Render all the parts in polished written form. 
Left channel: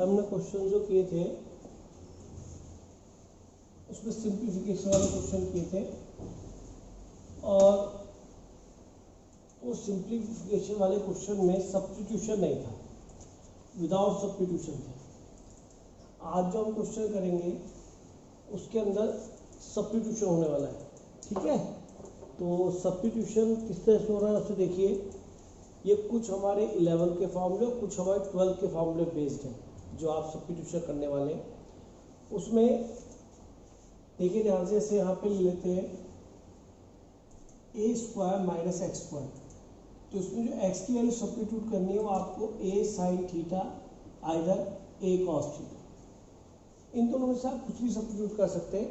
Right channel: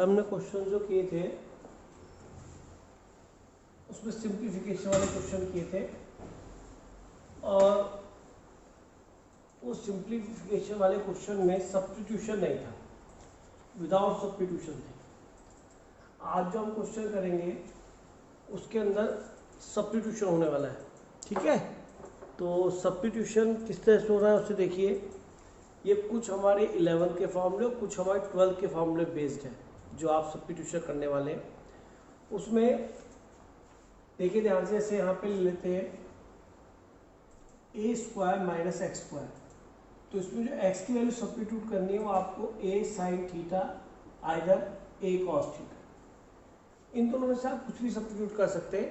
हमने क्वेश्चन जो किए थे उसमें सिंप्लीफिकेशन वाले क्वेश्चन किए थे और उस सिंप्लीफिकेशन वाले क्वेश्चन में सब्स्टिट्यूशन नहीं था, विदाउट सब्स्टिट्यूशन थे। आज जो हम क्वेश्चन करेंगे उसके अंदर सब्स्टिट्यूशन होने वाला है, ठीक है। तो सब्स्टिट्यूशन किस तरह से हो रहा है उसे देखिए। ये कुछ हमारे 11 के फॉर्मूले और कुछ हमारे 12 के फॉर्मूले बेस्ड है जो आप सब्स्टिट्यूशन करने वाले हैं। उसमें देखिए ध्यान से, ऐसे यहाँ पे ले लेते हैं a square minus x square. तो इसमें जो x की वैल्यू सब्स्टिट्यूट करनी है वो आपको a sine theta either a cos theta, इन दोनों में से आप कुछ भी सब्स्टिट्यूट कर सकते हैं।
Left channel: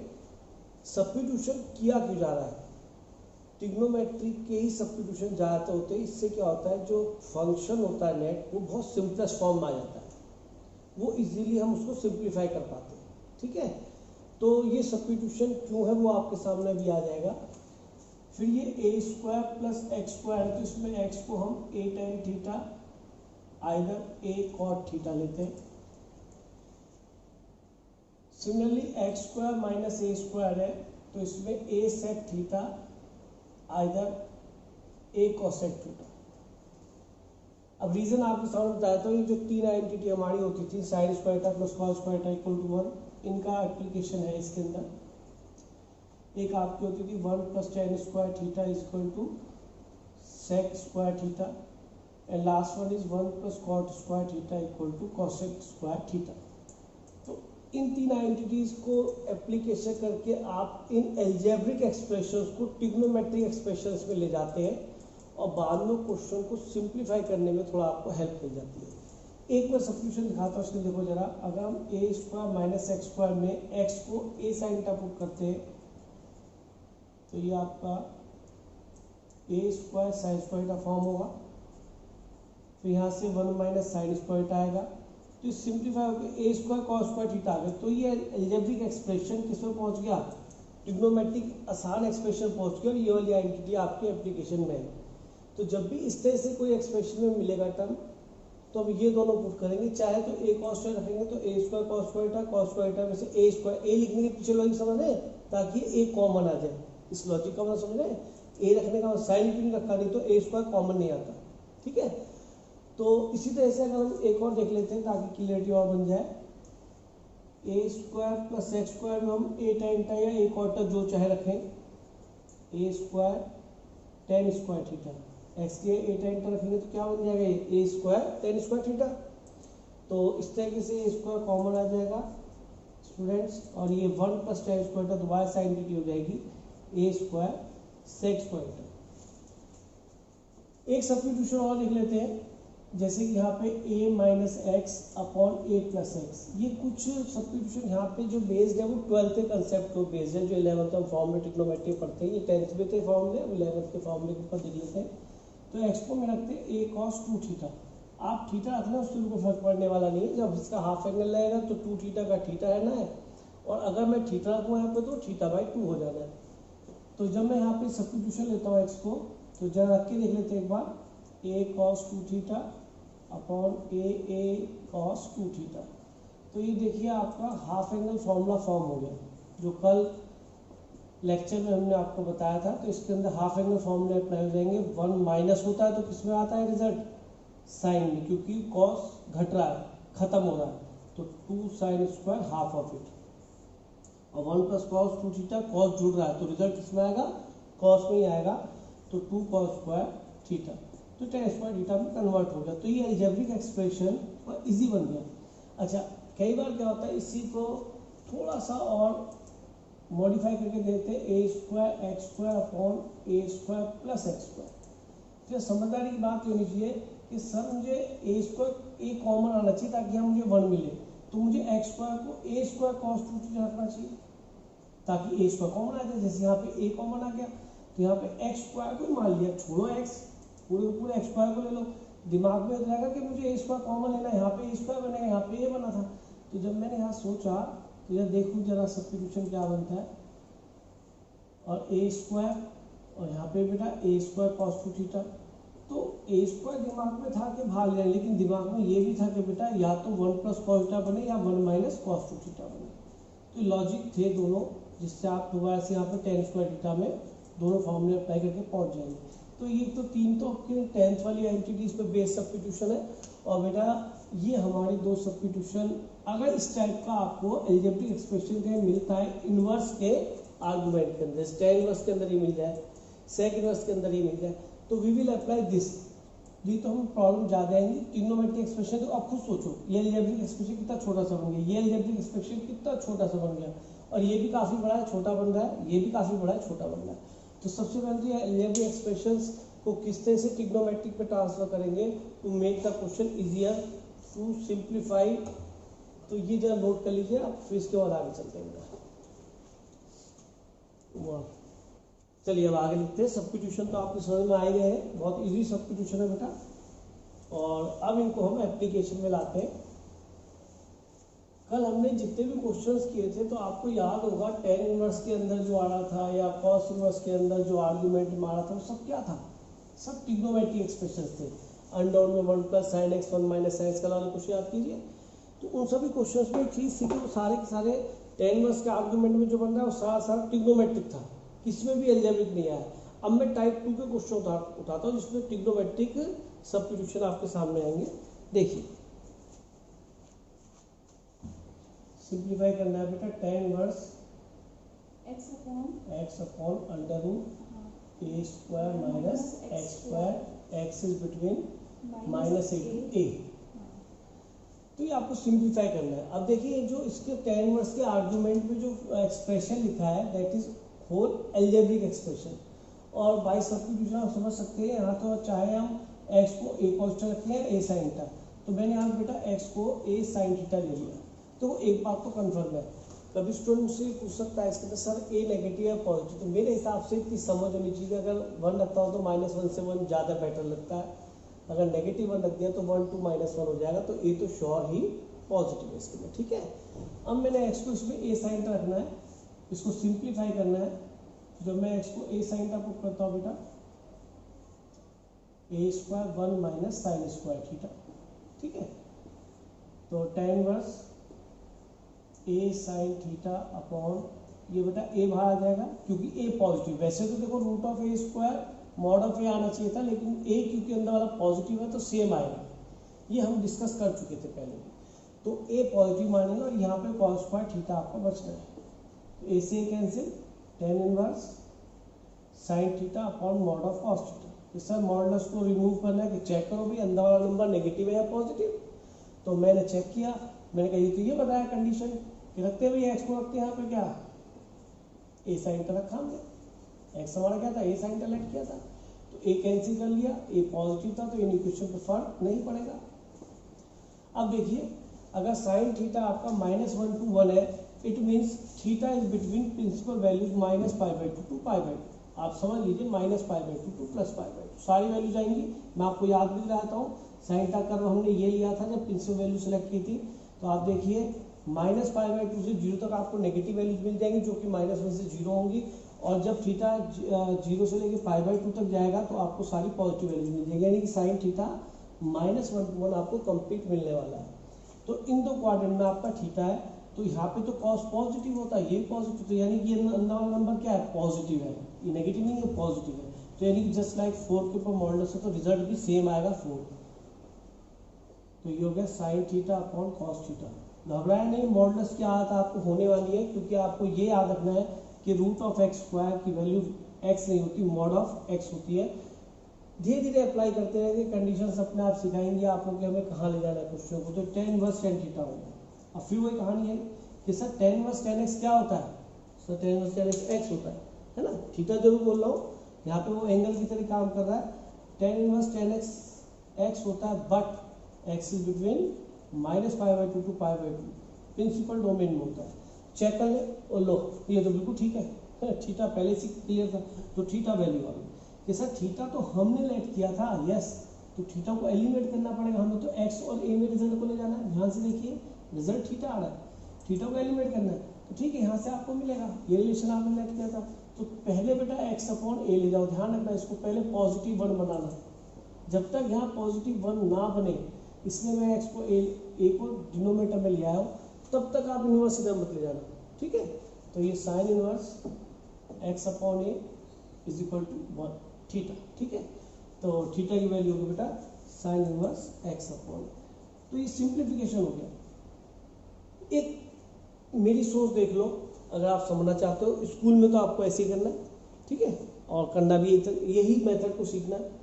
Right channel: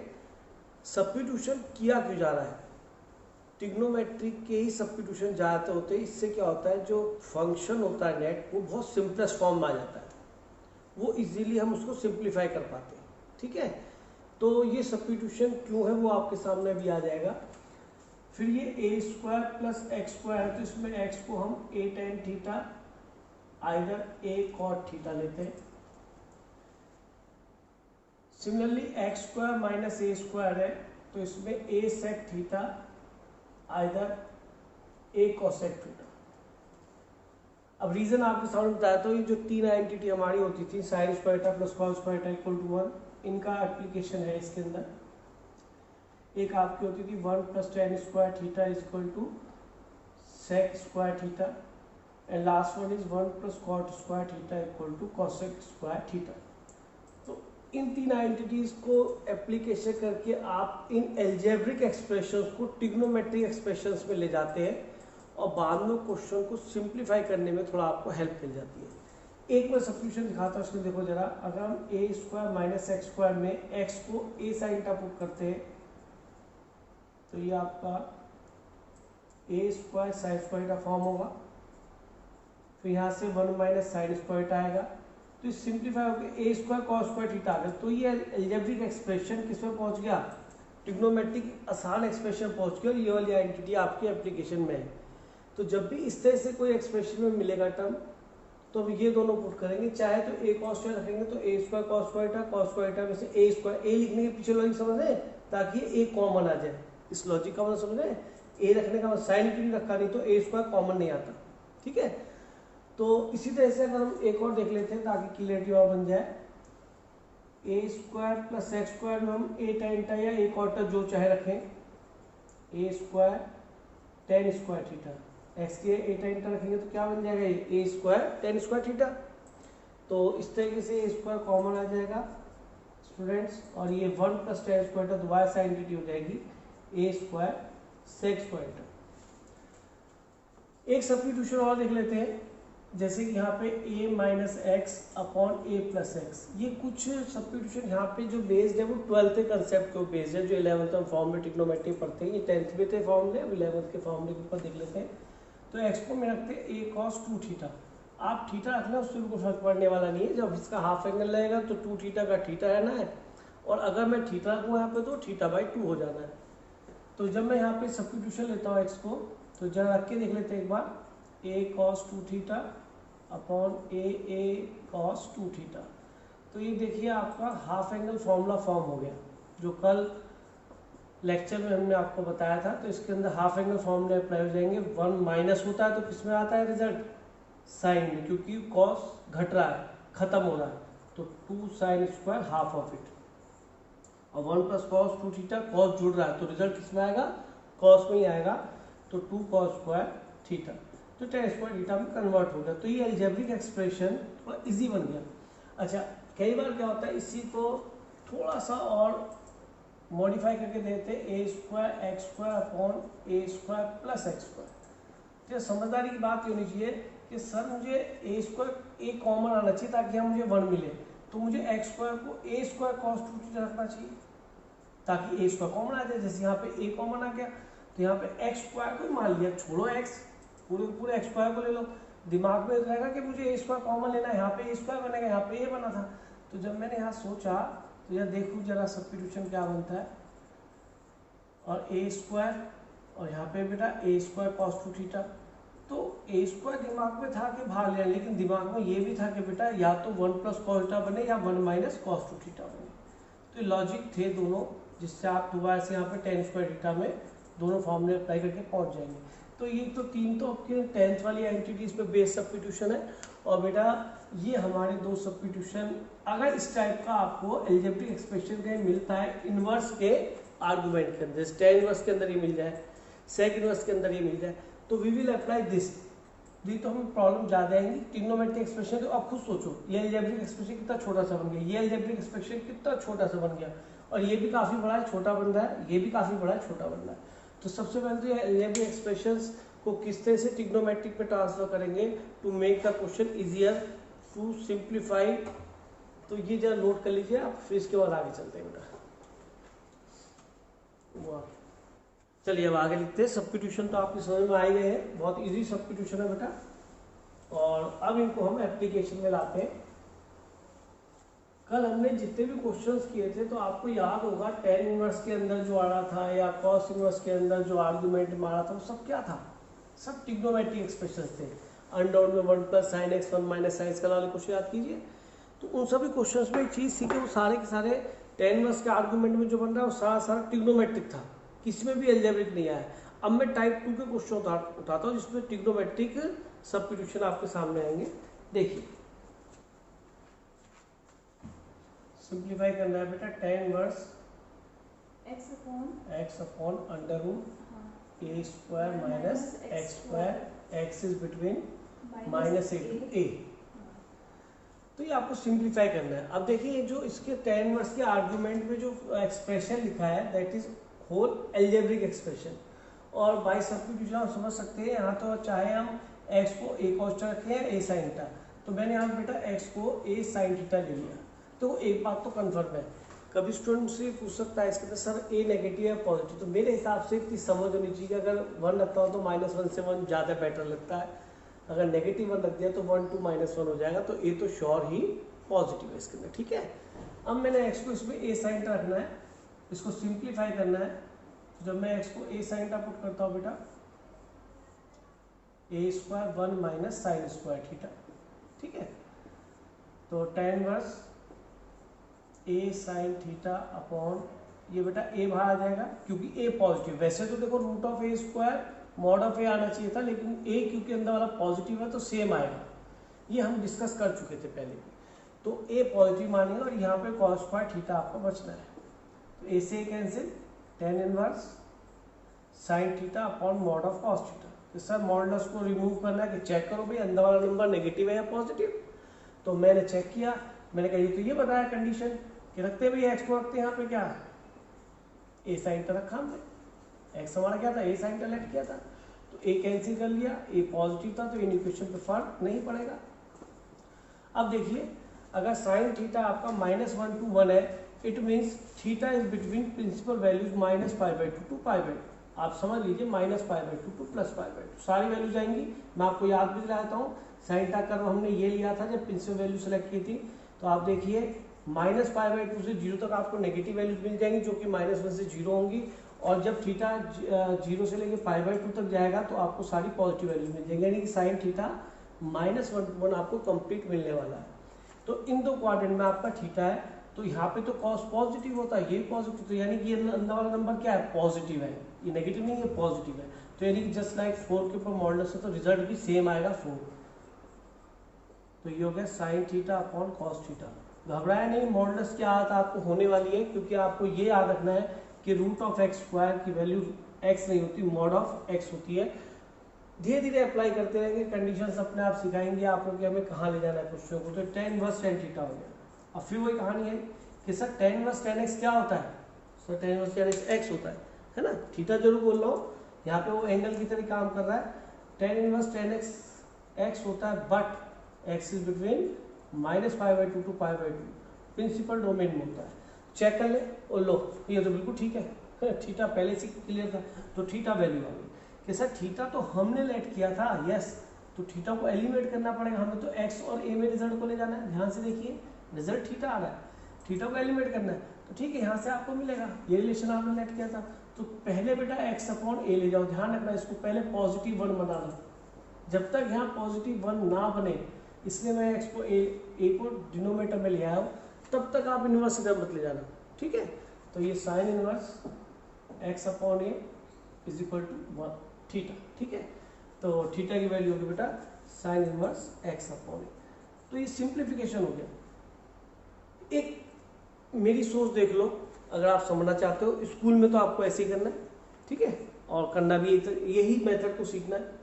सब्स्टिट्यूशन किया क्यों जा रहा है? ट्रिग्नोमेट्री के ही सब्स्टिट्यूशन ज़्यादातर होते हैं। इससे क्या होता है, जो फंक्शन होता है नेट वो बहुत सिंपलेस्ट फॉर्म में आ जाता है, वो इजीली हम उसको सिंप्लीफाई कर पाते हैं, ठीक है। तो ये सब्स्टिट्यूशन क्यों है वो आपके सामने अभी आ जाएगा। फिर ये a square plus x square है, तो इसमें x को हम a tan theta either a cot theta लेते हैं। Similarly x square minus a square है, तो इसमें a sec theta either a cosec theta. अब रीजन आपके सामने बताया, तो ये जो तीन आइडेंटिटी हमारी होती थी sine square theta plus cos square theta equal to 1, इनका एप्लीकेशन है इसके अंदर। एक आपकी होती थी 1 plus tan square theta is equal to sec square theta, and last one is 1 plus cot square theta equal to cosec square theta. तो इन तीन आइडेंटिटीज को एप्लीकेशन करके आप इन एल्जेब्रिक एक्सप्रेशंस को ट्रिग्नोमेट्रिक एक्सप्रेशंस में ले जाते हैं और बाद में क्वेश्चन को सिंप्लीफाई करने में थोड़ा आपको हेल्प मिल जाती है। एक मैं सब्स्टिट्यूशन दिखाता हूँ, उसमें देखो जरा। अगर हम a square minus x square में x को a साइन थीटा पुट करते हैं, तो ये आपका a square sine square theta form होगा। फिर यहाँ से 1 माइनस साइन स्क्वायर थीटा आएगा, तो ये सिंप्लीफाई होकर a square cos square theta आ गया। तो ये एल्जेब्रिक एक्सप्रेशन किस में पहुँच गया, ट्रिग्नोमेट्रिक आसान एक्सप्रेशन पहुँच गया और ये वाली आइडेंटिटी आपकी एप्लीकेशन में है। तो जब भी इस तरह से कोई एक्सप्रेशन में मिलेगा टर्म, तो अब ये दोनों पुट करेंगे। चाहे तो a कॉस स्क्वायर रखेंगे तो a स्क्वायर कॉस स्क्वायर था, कॉस स्क्वायर था में से a स्क्वायर, a लिखने के पीछे लॉजिक समझ रहे हैं, ताकि a कॉमन आ जाए। इस लॉजिक का मतलब समझ रहे हैं, a रखने का साइन क्यों नहीं रखा, नहीं तो a स्क्वायर कॉमन नहीं आता, ठीक है। तो इसी तरह से अगर हम एक और देख लेते हैं ताकि क्लियरिटी और बन जाए, a square plus x square में हम a टेन थीटा या a कॉट जो चाहे रखें, a square ten square theta, x के a टेन थीटा रखेंगे तो क्या बन जाएगा, ये a square ten square theta. तो इस तरीके से a स्क्वायर कॉमन आ जाएगा स्टूडेंट्स, और ये 1 प्लस टेन स्क्वायर थीटा दोबारा से आइडेंटिटी हो जाएगी a square sec square theta. एक सब्स्टिट्यूशन और देख लेते हैं, जैसे कि यहाँ पे a minus x upon a plus x. ये कुछ सब्स्टिट्यूशन यहाँ पे जो बेस्ड है वो 12th के कंसेप्ट के बेस्ड है, जो 11th फॉर्म में ट्रिग्नोमेट्री पढ़ते हैं। ये 10th में थे फॉर्मूले, अब 11th के फॉर्मूले के ऊपर देख लेते हैं। तो एक्स को में रखते हैं a कॉस 2 थीटा। आप थीटा रखना, उससे भी कोई फर्क पड़ने वाला नहीं है। जब इसका हाफ एंगल लगेगा तो 2 थीटा का थीटा रहना है, और अगर मैं थीटा रखूँ यहाँ पे तो थीटा बाई 2 हो जाना है। तो जब मैं यहाँ पे सब्स्टिट्यूशन लेता हूँ एक्स को, तो जरा रख के देख लेते हैं एक बार, a cos 2 theta upon a cos 2 theta. तो ये देखिए आपका हाफ एंगल फॉर्मूला फॉर्म हो गया, जो कल लेक्चर में हमने आपको बताया था। तो इसके अंदर हाफ एंगल फॉर्मूले अप्लाई हो जाएंगे। 1 माइनस होता है तो किस में आता है रिजल्ट, साइन में, क्योंकि कॉस घट रहा है, खत्म हो रहा है, तो 2 sine square half of it, और 1 प्लस कॉस 2 थीटा, कॉस जुड़ रहा है तो रिजल्ट किस में आएगा, कॉस में ही आएगा। तो 2 कॉस स्क्वायर थीटा, तो टेन स्क्वायर थीटा में कन्वर्ट हो गया। तो ये एल्जेब्रिक एक्सप्रेशन थोड़ा इजी बन गया। अच्छा, कई बार क्या होता है, इसी को थोड़ा सा और मॉडिफाई करके देते हैं, a square x square upon a square plus x square. तो समझदारी की बात होनी चाहिए कि सर मुझे a स्क्वायर a कॉमन आना चाहिए ताकि यहाँ मुझे 1 मिले, तो मुझे एक्स स्क्वायर को a स्क्वायर कॉस 2 थीटा रखना चाहिए ताकि a स्क्वायर कॉमन आ जाए। जैसे यहाँ पे a कॉमन आ गया, तो यहाँ पे एक्स स्क्वायर को मान लिया, छोड़ो x, पूरे एक्स स्क्वायर को ले लो। दिमाग में रहेगा कि मुझे a स्क्वायर कॉमन लेना है, यहाँ पे a स्क्वायर बनेगा, यहाँ पे a बना था। तो जब मैंने यहाँ सोचा, तो यह देखूँ जरा सब्स्टिट्यूशन क्या बनता है, और a स्क्वायर, और यहाँ पे बेटा a स्क्वायर कॉस 2 थीटा, तो ए स्क्वायर दिमाग में था कि बाहर ले, लेकिन दिमाग में ये भी था कि बेटा या तो 1 प्लस कॉस थीटा बने या 1 माइनस कॉस 2 थीटा बने। तो लॉजिक थे दोनों, जिससे आप दोबारा से यहाँ पे टेन स्क्वायर थीटा में दोनों फॉर्मूले अप्लाई करके पहुंच जाएंगे। तो ये तो तीन तो आपके 10th वाली एंटिटीज पे बेस सब्स्टिट्यूशन है। और बेटा ये हमारे दो सब्स्टिट्यूशन, अगर इस टाइप का आपको अलजेब्रिक एक्सप्रेशन कहीं मिलता है इनवर्स के आर्गुमेंट के अंदर, tan इनवर्स के अंदर ही मिल जाए, sec इनवर्स के अंदर ही मिल जाए, तो वी विल अप्लाई दिस। ये तो हमें प्रॉब्लम ज्यादा आएंगी। ट्रिग्नोमेट्रिक एक्सप्रेशन तो आप खुद सोचो, ये अलजेब्रिक एक्सप्रेशन कितना छोटा सा बन गया, ये अलजेब्रिक एक्सप्रेशन कितना छोटा सा बन गया, और ये भी काफी बड़ा है छोटा बन रहा है, ये भी काफी बड़ा है छोटा बन रहा है। तो सबसे पहले तो ये अलजेब्रिक एक्सप्रेशंस को किस तरह से ट्रिग्नोमेट्रिक पे ट्रांसफर करेंगे to make the question easier to simplify. तो ये जरा नोट कर लीजिए आप, फिर इसके बाद आगे चलते हैं बेटा। वाह, चलिए अब आगे लिखते हैं। सब्स्टिट्यूशन तो आपके समझ में आ गए हैं, बहुत इजी सब्स्टिट्यूशन है बेटा। और अब इनको हम एप्लीकेशन में लाते हैं। कल हमने जितने भी क्वेश्चंस किए थे तो आपको याद होगा tan इनवर्स के अंदर जो आ रहा था या cos इनवर्स के अंदर जो आर्गुमेंट में आ रहा था वो सब क्या था, सब ट्रिग्नोमेट्रिक एक्सप्रेशंस थे। अनडाउन में 1 plus sine x 1 minus sine x का वाले क्वेश्चन याद कीजिए। तो उन सभी क्वेश्चंस में एक चीज सीखे, वो सारे के सारे tan इनवर्स के आर्गुमेंट में जो बन रहा है वो सारा सारा ट्रिग्नोमेट्रिक था, किसमें भी अलजेब्रिक नहीं आया। अब मैं टाइप 2 के क्वेश्चन उठाता हूँ जिसमें ट्रिग्नोमेट्रिक सब्स्टिट्यूशन आपके सामने आएंगे। देखिए सिंप्लीफाई करना है बेटा, tan inverse x upon under root a square minus x square, x is between minus a to a. तो ये आपको सिंप्लीफाई करना है। अब देखिए जो इसके tan इनवर्स के आर्गुमेंट में जो एक्सप्रेशन लिखा है that is whole algebraic expression. और बाय सब्स्टिट्यूशन हम समझ सकते हैं, यहाँ तो चाहे हम x को a cos थीटा रखें या a sin थीटा, तो मैंने यहाँ बेटा x को a sin थीटा ले लिया। तो एक बात तो कंफर्म है, कभी स्टूडेंट से पूछ सकता है इसके अंदर सर a नेगेटिव है पॉजिटिव, तो मेरे हिसाब से इतनी समझ होनी चाहिए कि अगर 1 रखता हो तो -1 से 1 ज़्यादा बेटर लगता है, अगर नेगेटिव 1 रख दिया तो 1 to -1 हो जाएगा, तो a तो श्योर ही पॉजिटिव है इसके अंदर, ठीक है। अब मैंने x को इसमें a sin थीटा रखना है, इसको सिंप्लीफाई करना है। जब मैं x को a sin थीटा पुट करता हूँ बेटा, a square 1 minus sign square theta, ठीक है। तो tan inverse a sin theta upon ये बेटा a बाहर आ जाएगा क्योंकि a पॉजिटिव। वैसे तो देखो root of a square mod of a आना चाहिए था, लेकिन a क्योंकि अंदर वाला पॉजिटिव है तो सेम आएगा, ये हम डिस्कस कर चुके थे पहले भी। तो a पॉजिटिव मानेंगे और यहाँ पे cos स्क्वायर थीटा आपका बचना है, तो a से cancel, tan inverse sin theta upon mod of cos theta. तो सर मॉडुलस को रिमूव करना है कि चेक करो भाई अंदर वाला नंबर नेगेटिव है या पॉजिटिव। तो मैंने चेक किया, मैंने कहा ये तो ये बताया कंडीशन कि रखते भी x को रखते हैं यहाँ पे क्या a sin थीटा रखा हमने, x हमारा क्या था a sin थीटा लेट किया था, तो a कैंसिल कर लिया, a पॉजिटिव था तो इन इक्वेशन पे फर्क नहीं पड़ेगा। अब देखिए अगर sin थीटा आपका -1 to 1 है, it means theta is between principal values -π/2 to π/2। आप समझ लीजिए -π/2 to +π/2 सारी वैल्यूज आएंगी। मैं आपको याद भी दिलाता हूँ, साइन थीटा कर्व हमने ये लिया था जब प्रिंसिपल वैल्यू सेलेक्ट की थी। तो आप देखिए -π/2 से 0 तक आपको नेगेटिव वैल्यूज मिल जाएंगी जो कि -1 से 0 होंगी, और जब थीटा 0 से लेके π/2 तक जाएगा तो आपको सारी पॉजिटिव वैल्यूज मिल जाएंगी, यानी कि साइन थीटा -1 to 1 आपको कंप्लीट मिलने वाला है। तो इन दो क्वाड्रेंट में आपका थीटा है, तो यहाँ पे तो cos पॉजिटिव होता है, ये पॉजिटिव, तो यानी कि ये अंदर वाला नंबर क्या है पॉजिटिव है, ये नेगेटिव नहीं है पॉजिटिव है। तो यानी कि जस्ट लाइक 4 के ऊपर मॉडुलस है तो रिजल्ट भी सेम आएगा 4। तो ये हो गया sine theta upon cos theta. घबराया नहीं, मॉडुलस की आदत आपको होने वाली है, क्योंकि आपको ये याद रखना है कि रूट ऑफ एक्स स्क्वायर की वैल्यू x नहीं होती, मॉड ऑफ x होती है। धीरे धीरे अप्लाई करते रहेंगे, कंडीशंस अपने आप सिखाएंगे आपको कि हमें कहाँ ले जाना है क्वेश्चन को। तो tan इनवर्स tan थीटा हो गया। अब फिर वही कहानी है कि sir tan inverse tan x क्या होता है, sir tan inverse tan x होता है ना, थीटा जरूर बोल रहा हूँ, यहाँ पे वो एंगल की तरह काम कर रहा है। tan इनवर्स tan x होता है, but x is between -π/2 to π/2 principal domain में होता है। चेक कर ले और लो, ये तो बिल्कुल ठीक है, थीटा पहले से क्लियर था। तो थीटा वैल्यू आ गई कि सर थीटा तो हमने लेट किया था, यस, तो थीटा को एलिमिनेट करना पड़ेगा हमें, तो x और a में रिजल्ट को ले जाना है। ध्यान से देखिए रिजल्ट थीटा आ रहा है, थीटा को एलिमिनेट करना है, तो ठीक है यहाँ से आपको मिलेगा, ये रिलेशन आपने लेट किया था। तो पहले बेटा x अपॉन a ले जाओ, ध्यान रखना इसको पहले +1 बनाना, जब तक यहाँ पॉजिटिव 1 ना बने, इसलिए मैं एक्स को ए को डिनोमिनेटर में ले आया हूँ, तब तक आप इन्वर्स इधर मत ले जाना, ठीक है। तो ये sine inverse x upon a is equal to 1 theta, ठीक है। तो थीटा की वैल्यू होगी बेटा साइन इनवर्स एक्स अपॉन। तो ये सिंप्लीफिकेशन हो गया। एक मेरी सोच देख लो, अगर आप समझना चाहते हो, स्कूल में तो आपको ऐसे ही करना है, ठीक है, और करना भी यही मेथड को सीखना है।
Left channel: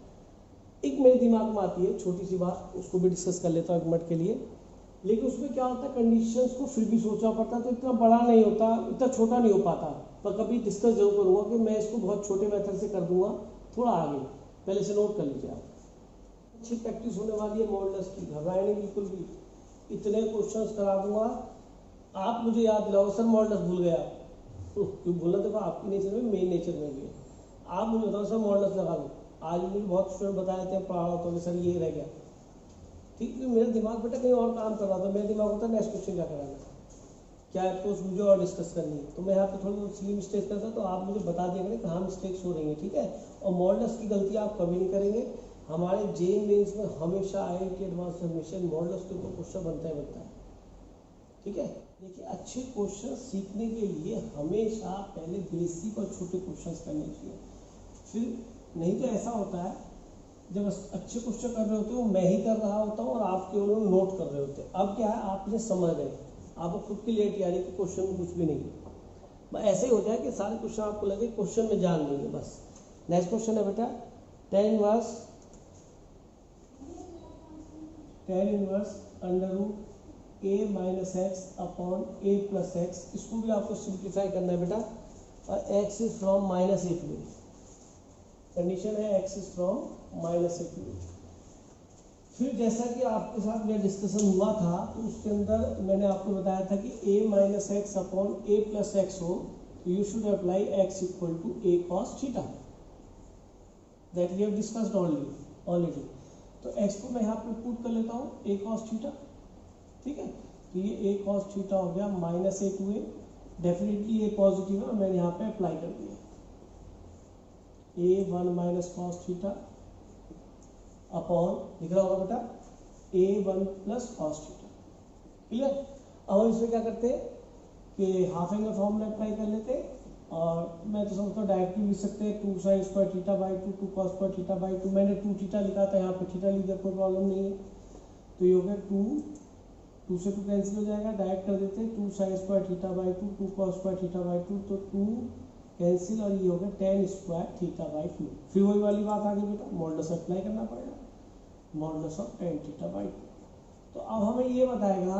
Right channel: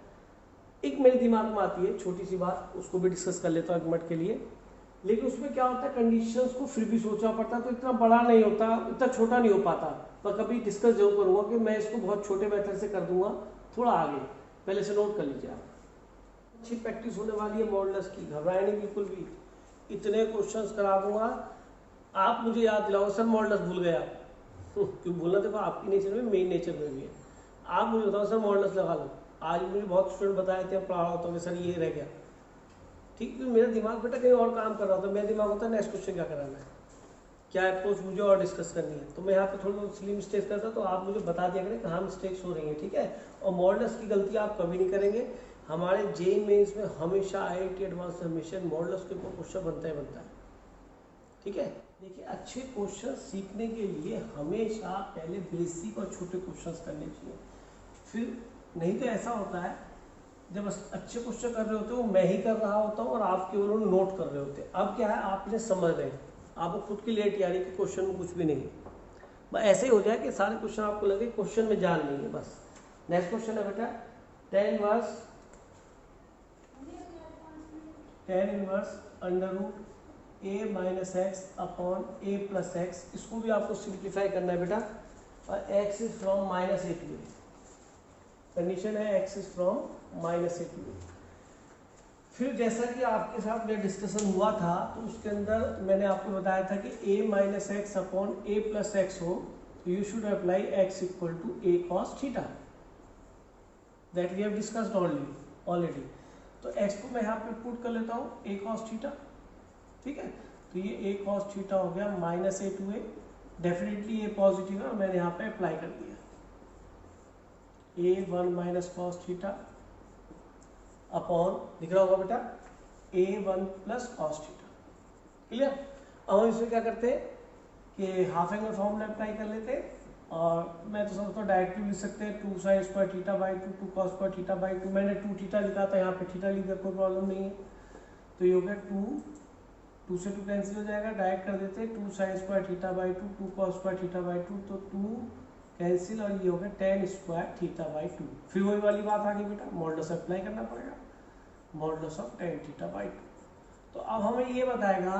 एक मेरे दिमाग में आती है छोटी सी बात, उसको भी डिस्कस कर लेता हूँ एक मिनट के लिए। लेकिन उसमें क्या होता है, कंडीशंस को फिर भी सोचना पड़ता है, तो इतना बड़ा नहीं होता, इतना छोटा नहीं हो पाता। पर कभी डिस्कस जरूर करूँगा कि मैं इसको बहुत छोटे मेथड से कर दूंगा, थोड़ा आगे। पहले से नोट कर लीजिए आप। अच्छी प्रैक्टिस होने वाली है मॉडल्स की, घबराए नहीं बिल्कुल भी। इतने क्वेश्चंस करा दूंगा, आप मुझे याद दिलाओ सर मॉडल्स भूल गया। क्यों भूलना, देखो आपकी नेचर में, मेरी नेचर में भी है। आप मुझे बताओ सर मॉडल्स लगा लो। आज मुझे बहुत स्टूडेंट बताए थे, पढ़ा रहा होता सर ये रह गया, ठीक है। मेरा दिमाग बेटा कहीं और काम कर रहा होता, मेरा दिमाग होता है नेक्स्ट क्वेश्चन क्या कराना है, क्या अप्रोच मुझे और डिस्कस करनी है। तो मैं यहाँ पे थोड़ी सिली मिस्टेक करता, तो आप मुझे बता दिया करें कहाँ मिस्टेक्स हो रही है, ठीक है। और मॉडल्स की गलती आप कभी नहीं करेंगे। हमारे जेईई मेंस में हमेशा आईआईटी एडवांस सबमिशन मॉडल्स के ऊपर क्वेश्चन बनता है, ठीक है। देखिए अच्छे क्वेश्चन सीखने के लिए हमेशा पहले बेसिक और छोटे क्वेश्चन करने चाहिए। फिर नहीं तो ऐसा होता है, जब अच्छे क्वेश्चन कर रहे होते हो मैं ही कर रहा होता हूँ और आप केवल नोट कर रहे होते हैं। अब क्या है, आपने समझ रहे, आपको खुद की क्लियरिटी आ रही कि क्वेश्चन में कुछ भी नहीं, बस ऐसे ही हो जाए कि सारे क्वेश्चन आपको लगे क्वेश्चन में जान नहीं है बस। नेक्स्ट क्वेश्चन है बेटा tan inverse under root a minus x upon a plus x. इसको भी आपको सिंप्लीफाई करना है बेटा, और x is from minus a to a. Condition है x is from minus a to a. फिर जैसा कि आपके साथ मेरा डिस्कशन हुआ था, तो उसके अंदर मैंने आपको बताया था कि a minus x upon a plus x हो, तो you should apply x equal to a cos theta, that we have discussed already. तो x को मैं यहाँ पे पुट कर लेता हूँ a cos थीटा, ठीक है। तो ये a cos थीटा हो गया minus a to a. Definitely ये पॉजिटिव है, मैंने यहाँ पे अप्लाई कर दिया a1 minus cos theta upon, दिख रहा होगा बेटा, a1 plus cos theta. Clear. अब हम इसमें क्या करते हैं कि हाफ एंगल फॉर्मूला अप्लाई कर लेते हैं, और मैं तो समझता हूँ डायरेक्टली लिख सकते हैं 2 sign square theta by 2 2 cos square theta by 2। मैंने 2 थीटा लिखा था, यहाँ पे थीटा लिख दिया, कोई प्रॉब्लम नहीं है। तो ये हो गया 2 से 2 कैंसिल हो जाएगा, डायरेक्ट कर देते हैं 2 sign square theta by 2 2 cos square theta by 2, तो 2 कैंसिल, और ये हो गया tan स्क्वायर थीटा बाई 2। फिर वही वाली बात आ गई बेटा, मॉडुलस अप्लाई करना पड़ेगा, modulus of tan theta by 2। तो अब हमें ये बताएगा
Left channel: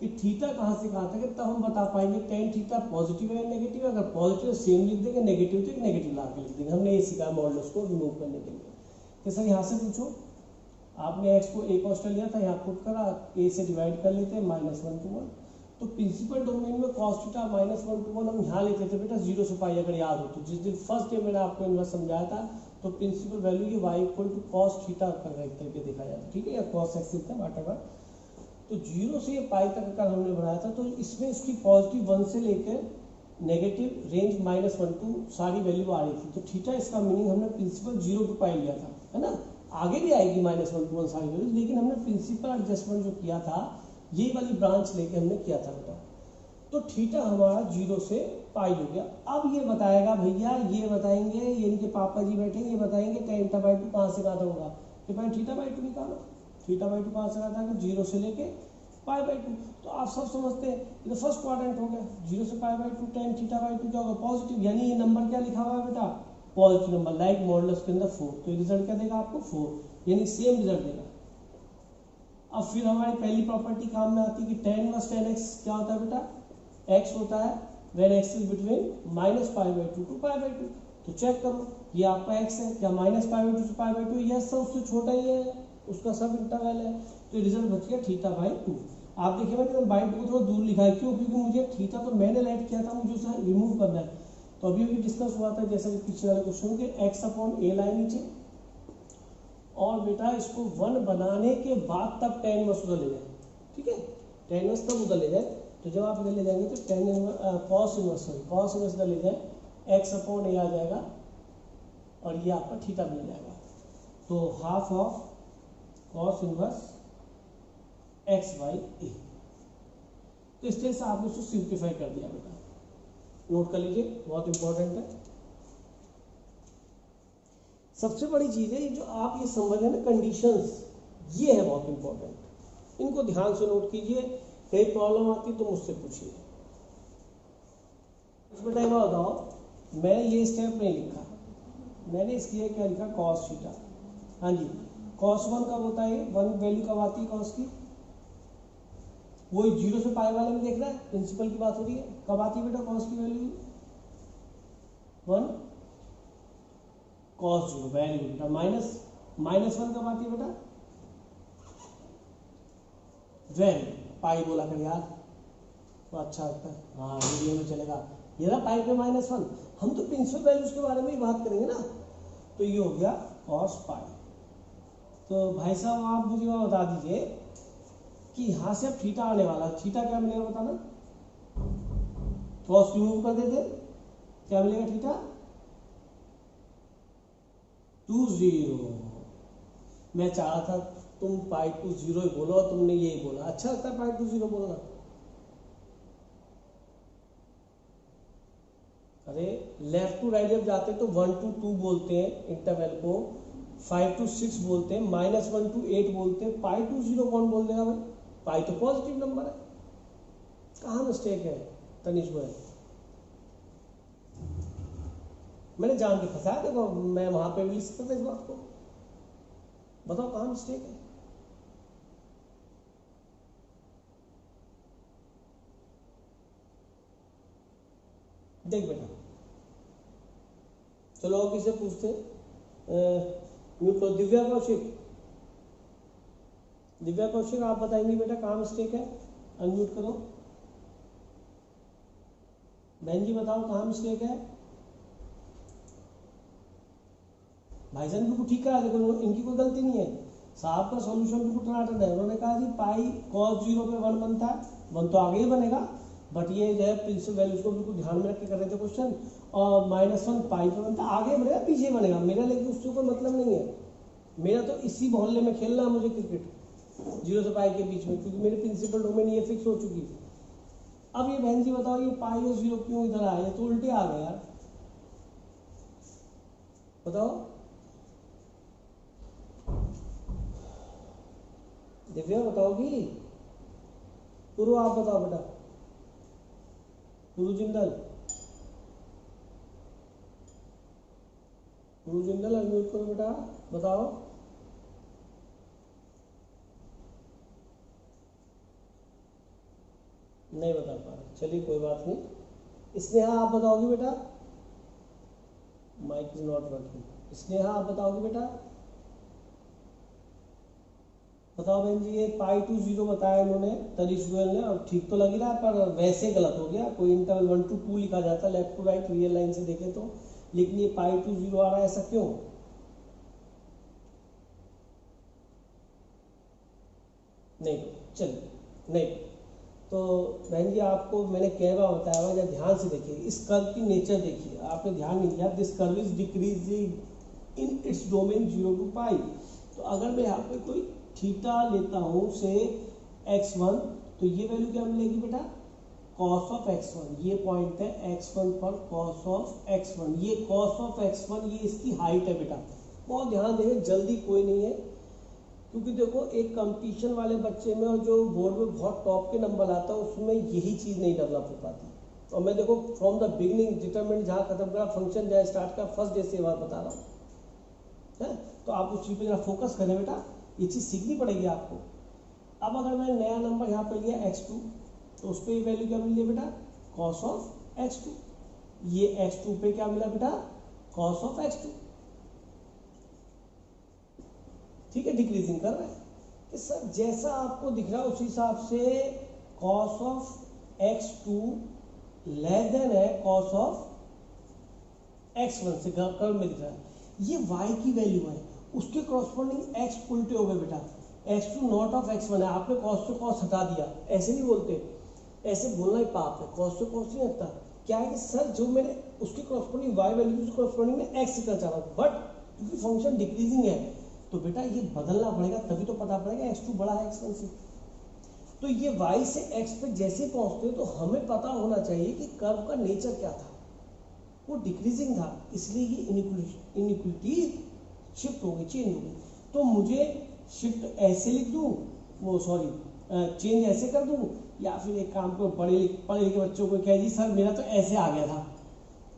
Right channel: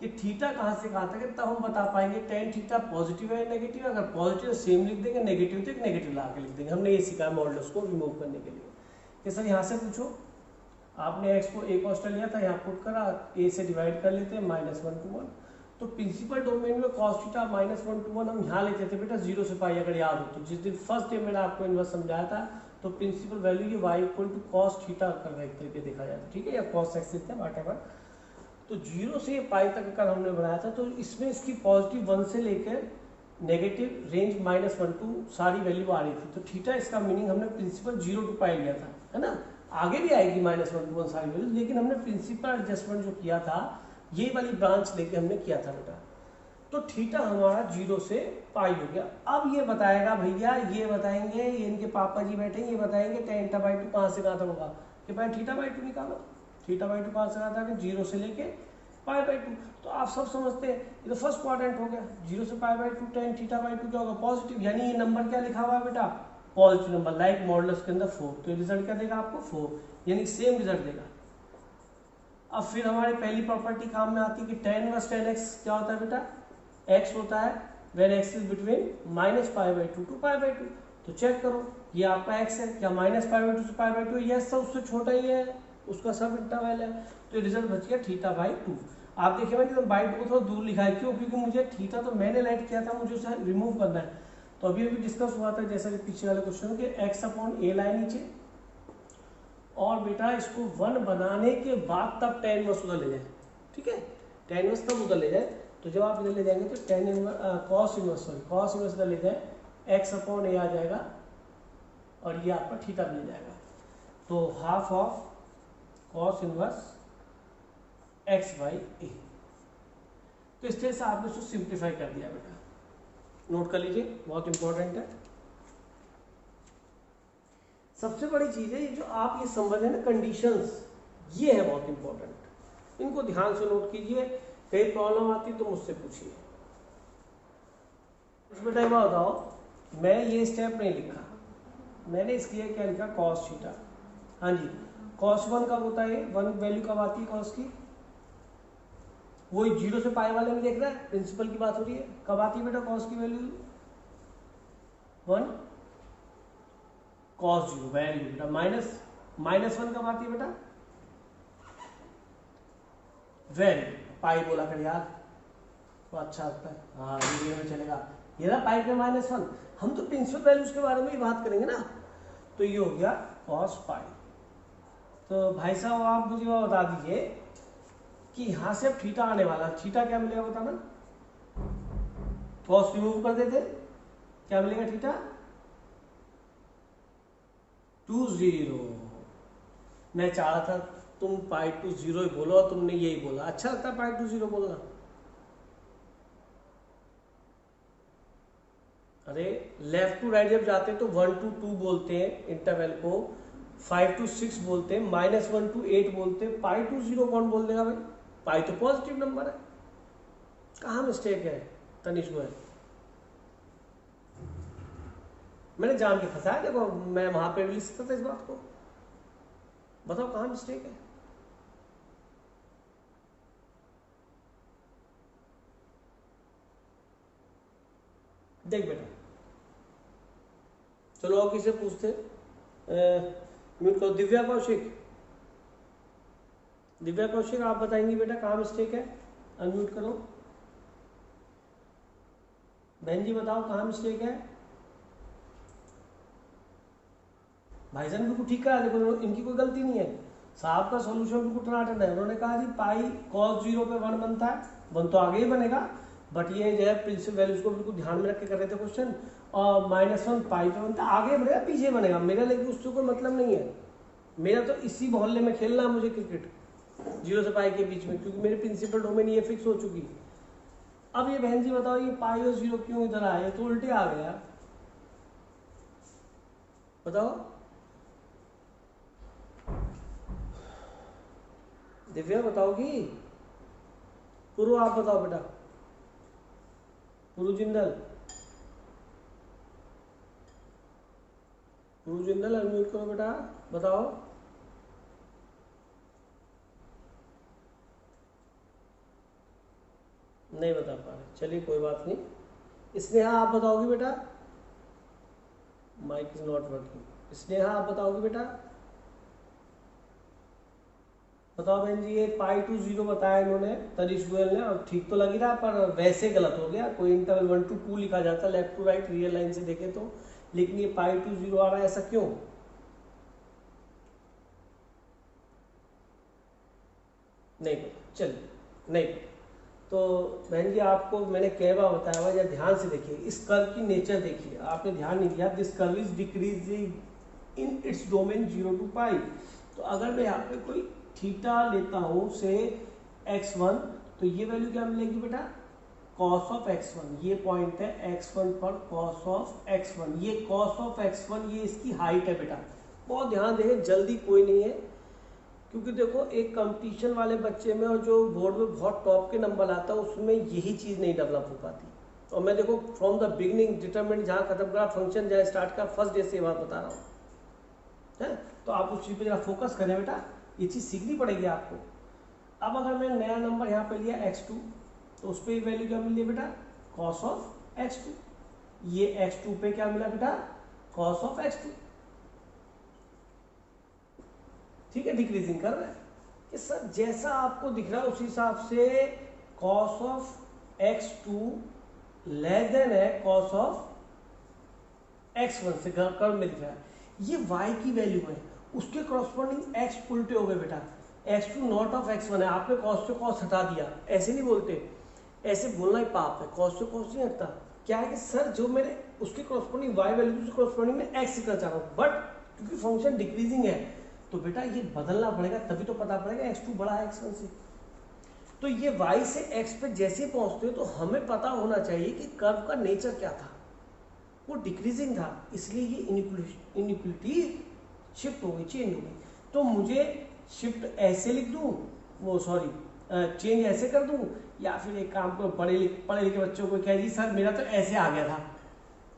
कि थीटा कहाँ से कहाँ तक है, तब हम बता पाएंगे tan थीटा पॉजिटिव है नेगेटिव है। अगर पॉजिटिव सेम लिख देंगे, नेगेटिव तो एक नेगेटिव ला के लिख देंगे। हमने ये सीखा मॉडुलस को रिमूव करने के लिए कि सर यहाँ से पूछो, आपने x को a कॉस्ट लिया था, यहाँ पुट करा, a से डिवाइड कर लेते हैं -1 to 1। तो प्रिंसिपल डोमेन में cos थीटा -1 to 1 हम यहाँ लेते थे बेटा 0 से पाई, अगर याद हो तो। जिस दिन फर्स्ट डे मैंने आपको इन्वर्स समझाया था, तो प्रिंसिपल वैल्यू की y equal to cos theta कर एक तरीके देखा जाता, ठीक है, या cos x लिखते हैं व्हाटएवर। तो 0 से पाई तक का हमने बनाया था, तो इसमें इसकी पॉजिटिव 1 से लेकर नेगेटिव रेंज -1 टू सारी वैल्यू आ रही थी। तो थीटा इसका मीनिंग हमने प्रिंसिपल 0 टू पाई लिया था, है ना। आगे भी आएगी -1 to 1 सारी वैल्यूज, लेकिन हमने प्रिंसिपल एडजस्टमेंट जो किया था, ये वाली ब्रांच लेके हमने किया था बेटा। तो थीटा हमारा 0 से पाई हो गया। अब ये बताएगा भैया, ये बताएंगे, ये इनके पापा जी बैठेंगे, ये बताएंगे tan थीटा बाई 2 कहाँ से कहाँ तक होगा, कि भाई थीटा बाई 2 निकालो। थीटा बाई 2 कहाँ से कहाँ तक, 0 से लेके पाई बाई 2। तो आप सब समझते हैं, ये तो फर्स्ट क्वाड्रेंट हो गया, 0 से pi by 2 tan theta by 2 क्या होगा, पॉजिटिव। यानी ये नंबर क्या लिखा हुआ है बेटा, पॉजिटिव नंबर, लाइक मॉडुलस के अंदर 4। तो रिजल्ट क्या देगा आपको 4, यानी सेम रिजल्ट देगा। अब फिर हमारी पहली प्रॉपर्टी काम में आती है कि tan इनवर्स tan x क्या होता है बेटा, x होता है when x is between -π/2 to π/2। तो चेक करो, ये आपका x है, क्या -π/2 से π/2? यस, उससे छोटा ही है, उसका सब इंटरवल है। तो रिजल्ट बच गया थीटा बाई 2। आप देखिए मैंने बाई 2 थोड़ा दूर लिखा है, क्यों, क्योंकि मुझे थीटा तो मैंने राइट किया था, मुझे उसे रिमूव करना है। तो अभी भी डिस्कस हुआ था जैसा कि पीछे वाले क्वेश्चन के x अपॉन a लाइन नीचे, और बेटा इसको 1 बनाने के बाद तब tan इनवर्स उधर ले जाए, ठीक है, tan इनवर्स तब उधर ले जाए। तो जब आप इधर ले जाएंगे तो tan इनवर्स cos इनवर्स इधर ले जाए, x अपॉन a आ जाएगा, और ये आपका थीटा मिल जाएगा। तो half of cos inverse x by a. तो इस तरह से आपने उसको सिंप्लीफाई कर दिया बेटा, नोट कर लीजिए, बहुत इंपॉर्टेंट है। सबसे बड़ी चीज है ये जो आप ये समझ रहे हैं ना कंडीशंस, ये है बहुत इंपॉर्टेंट, इनको ध्यान से नोट कीजिए, कहीं प्रॉब्लम आती तो मुझसे पूछिए। बेटा एक बात बताओ, मैं ये स्टेप नहीं लिखा, मैंने इसके लिए क्या लिखा, कॉस थीटा। हाँ जी, कॉस 1 कब होता है, 1 वैल्यू कब आती है कॉस की, वही 0 से पाई वाले में देख रहा है, प्रिंसिपल की बात हो रही है, कब आती है बेटा कॉस की वैल्यू 1, कॉस 0 वैल्यू बेटा माइनस 1 कब आती है बेटा, वैल्यू पाई बोला कर यार, तो अच्छा लगता है, हाँ वीडियो में चलेगा, ये ना पाई पे -1, हम तो प्रिंसिपल वैल्यूज के बारे में ही बात करेंगे ना, तो ये हो गया कॉस पाई। तो भाई साहब आप मुझे वो बता दीजिए कि यहां से अब थीटा आने वाला, थीटा क्या मिलेगा बताना, कॉस रिमूव कर देते, क्या मिलेगा थीटा 2 मैं चाह रहा था तुम पाई टू 0 ही बोलो, तुमने यही बोला, अच्छा लगता है पाई टू 0 बोलना। अरे लेफ्ट टू राइट जब जाते हैं तो 1 to 2 बोलते हैं इंटरवल को, 5 to 6 बोलते हैं, -1 to 8 बोलते हैं, पाई टू 0 कौन बोल देगा भाई, पाई तो पॉजिटिव नंबर है, कहाँ मिस्टेक है तनिष को है, मैंने जान के फंसाया, देखो मैं वहां पे भी लिख सकता था इस बात को, बताओ कहाँ मिस्टेक है। देख बेटा, चलो और किसे पूछते, म्यूट करो, दिव्या कौशिक, दिव्या कौशिक आप बताएंगी बेटा कहाँ मिस्टेक है, अनम्यूट करो, बहन जी बताओ कहाँ मिस्टेक है, भाईजान बिल्कुल ठीक है, देखो इनकी कोई गलती नहीं है, साहब का सॉल्यूशन बिल्कुल टनाटन है, उन्होंने कहा जी पाई cos 0 पे 1 बनता है, 1 तो आगे ही बनेगा, बट ये जो है प्रिंसिपल वैल्यूज को बिल्कुल ध्यान में रख के कर रहे थे क्वेश्चन, और -1 पाई पे बनता है, आगे बनेगा पीछे बनेगा, मेरा लेकिन उससे कोई मतलब नहीं है, मेरा तो इसी मोहल्ले में खेलना है मुझे क्रिकेट 0 से पाई के बीच में, क्योंकि मेरे प्रिंसिपल डोमेन ये फिक्स हो चुकी। अब ये बहन जी बताओ ये पाई और 0 क्यों इधर आए, ये तो उल्टे आ गया, बताओ दिव्या बताओगी, पूर्व आप बताओ बेटा, पूर्व जिंदल, पूर्व जिंदल अनम्यूट करो बेटा, बताओ, नहीं बता पा रहे, चलिए कोई बात नहीं। स्नेहा आप बताओगी बेटा, mic is not working, Sneha आप बताओगी बेटा, बताओ बहन जी, ये पाई टू 0 बताया इन्होंने तनिष गोयल ने, और ठीक तो लग ही रहा पर वैसे गलत हो गया, कोई इंटरवल 1 to 2 लिखा जाता left to right real line से देखे तो, लेकिन ये पाई टू 0 आ रहा है, ऐसा क्यों, नहीं चलिए नहीं, तो बहन जी आपको मैंने कई बार बताया हुआ, ध्यान से देखिए, इस कर्व की नेचर देखिए, आपने ध्यान नहीं दिया, this curve is decreasing in its domain 0 to पाई, तो अगर मैं यहाँ पे कोई थीटा लेता हूं से x1, तो ये वैल्यू क्या मिलेगी बेटा cos ऑफ x1, ये पॉइंट है x1 पर cos ऑफ x1, ये cos ऑफ x1 ये इसकी हाइट है बेटा, बहुत ध्यान दें, जल्दी कोई नहीं है, क्योंकि देखो एक कंपटीशन वाले बच्चे में और जो बोर्ड में बहुत टॉप के नंबर आता है उसमें यही चीज़ नहीं डेवलप हो पाती, और मैं देखो फ्रॉम द बिगनिंग डिटरमिनेंट जहाँ खत्म करा फंक्शन जहाँ स्टार्ट कर फर्स्ट डे से ये बात बता रहा हूँ, है तो आप उस चीज़ पे जरा फोकस करें बेटा, ये चीज़ सीखनी पड़ेगी आपको। अब अगर मैं नया नंबर यहाँ पे लिया x2, तो उस पर वैल्यू क्या मिली बेटा cos ऑफ x2, ये x2 पे क्या मिला बेटा cos ऑफ x2, ठीक है, डिक्रीजिंग कर रहा है कि सर जैसा आपको दिख रहा है उस हिसाब से cos of x2 less than है cos ऑफ x1 से कर्व में दिख रहा है, ये y की वैल्यू है, उसके क्रॉसपोंडिंग x उल्टे हो गए बेटा, x2 नॉट ऑफ x1 है, आपने cos से cos हटा दिया, ऐसे नहीं बोलते, ऐसे बोलना ही पाप है, cos से cos नहीं हटता, क्या है कि सर जो मैंने उसके क्रॉसपोंडिंग y वैल्यू से क्रॉसपोंडिंग में x कर चाह रहा हूँ, बट क्योंकि फंक्शन डिक्रीजिंग है तो बेटा ये बदलना पड़ेगा, तभी तो पता पड़ेगा x2 बड़ा है x1 से। तो ये y से x पे जैसे पहुंचते हैं तो हमें पता होना चाहिए कि कर्व का नेचर क्या था, वो डिक्रीजिंग था, इसलिए ये इनइक्वलिटी शिफ्ट हो गई, चेंज हो गई। तो मुझे शिफ्ट ऐसे लिख दूं, वो सॉरी चेंज ऐसे कर दूं, या फिर एक काम को पढ़े लिखे बच्चों को कह जी सर मेरा तो ऐसे आ गया था,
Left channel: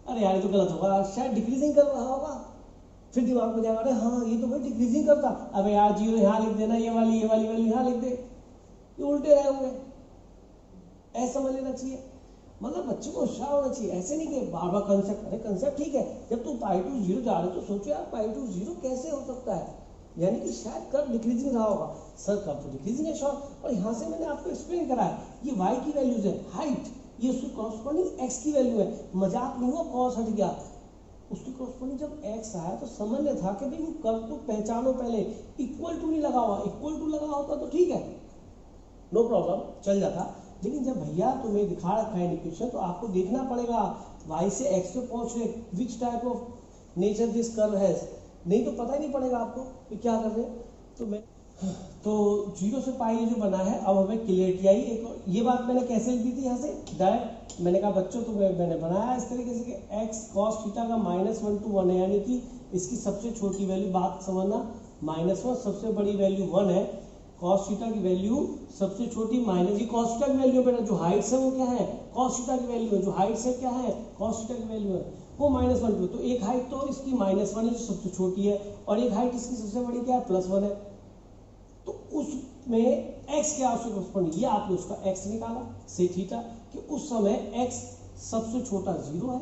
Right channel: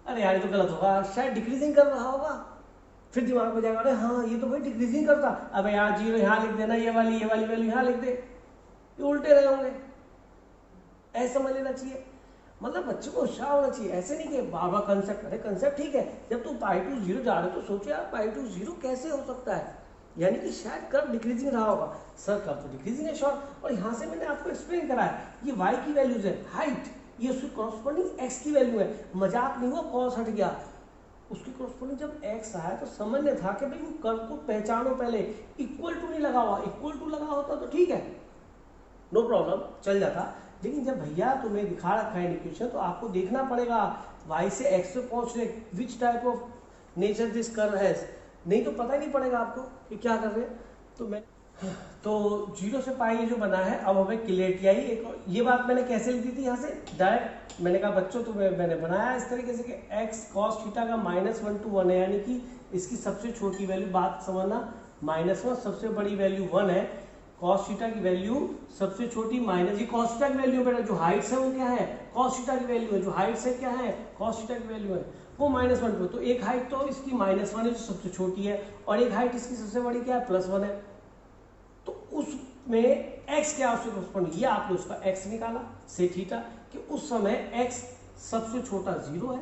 अरे यार ये तो गलत होगा, शायद डिक्रीजिंग कर रहा होगा, फिर दिमाग में जाएगा अरे हाँ ये तो भाई डिक्रीजिंग करता, अब यार जीरो यहाँ लिख देना, ये वाली वैल्यू यहाँ लिख दे, ये उल्टे रहे होंगे, ऐसा समझ लेना चाहिए। मतलब बच्चे को होशियार होना चाहिए, ऐसे नहीं कि बार बार कंसेप्ट, अरे कंसेप्ट ठीक है, जब तुम पाई टू जीरो जा रहे हो तो सोचो यार पाई टू जीरो कैसे हो सकता है, यानी कि शायद कर्व डिक्रीजिंग रहा होगा, सर कर्व तो डिक्रीजिंग है शॉर्ट, और यहाँ से मैंने आपको एक्सप्लेन करा है, ये y की वैल्यूज है, हाइट ये उसकी कॉरस्पॉन्डिंग x की वैल्यू है, मजाक नहीं हुआ, कॉस हट गया, उसकी कॉरस्पॉन्डिंग जब x आया तो समझने था कि भाई कर्व को पहचानो, पहले इक्वल टू नहीं लगा हुआ, इक्वल टू लगा होता तो ठीक है नो प्रॉब्लम चल जाता, लेकिन जब भैया तुम्हें दिखा रखा है इक्वेशन तो आपको देखना पड़ेगा y से x पे पहुंच रहे which type of nature this curve has, नहीं तो पता ही नहीं पड़ेगा आपको कि क्या कर रहे हैं। तो मैं तो जीरो से पाई जो बना है, अब हमें क्लियरिटी आई, एक ये बात मैंने कैसे लिखी थी यहाँ से डायरेक्ट, मैंने कहा बच्चों तो मैंने बनाया इस तरीके से कि x cos थीटा का -1 to 1 है, यानी कि इसकी सबसे छोटी वैल्यू, बात समझना, -1 सबसे बड़ी वैल्यू 1 है, cos थीटा की वैल्यू सबसे छोटी माइनस, ये cos थीटा की वैल्यू बेटा जो हाइट्स है वो क्या है, cos थीटा की वैल्यू है, जो हाइट्स है क्या है, cos थीटा की वैल्यू है, वो -1 टू, तो एक हाइट तो इसकी -1 है जो सबसे छोटी है, और एक हाइट इसकी सबसे बड़ी क्या है +1 है, तो उसमें x क्या उससे कॉरस्पॉन्डिंग, ये आपने उसका x निकाला से थीटा कि उस समय x सबसे छोटा 0 है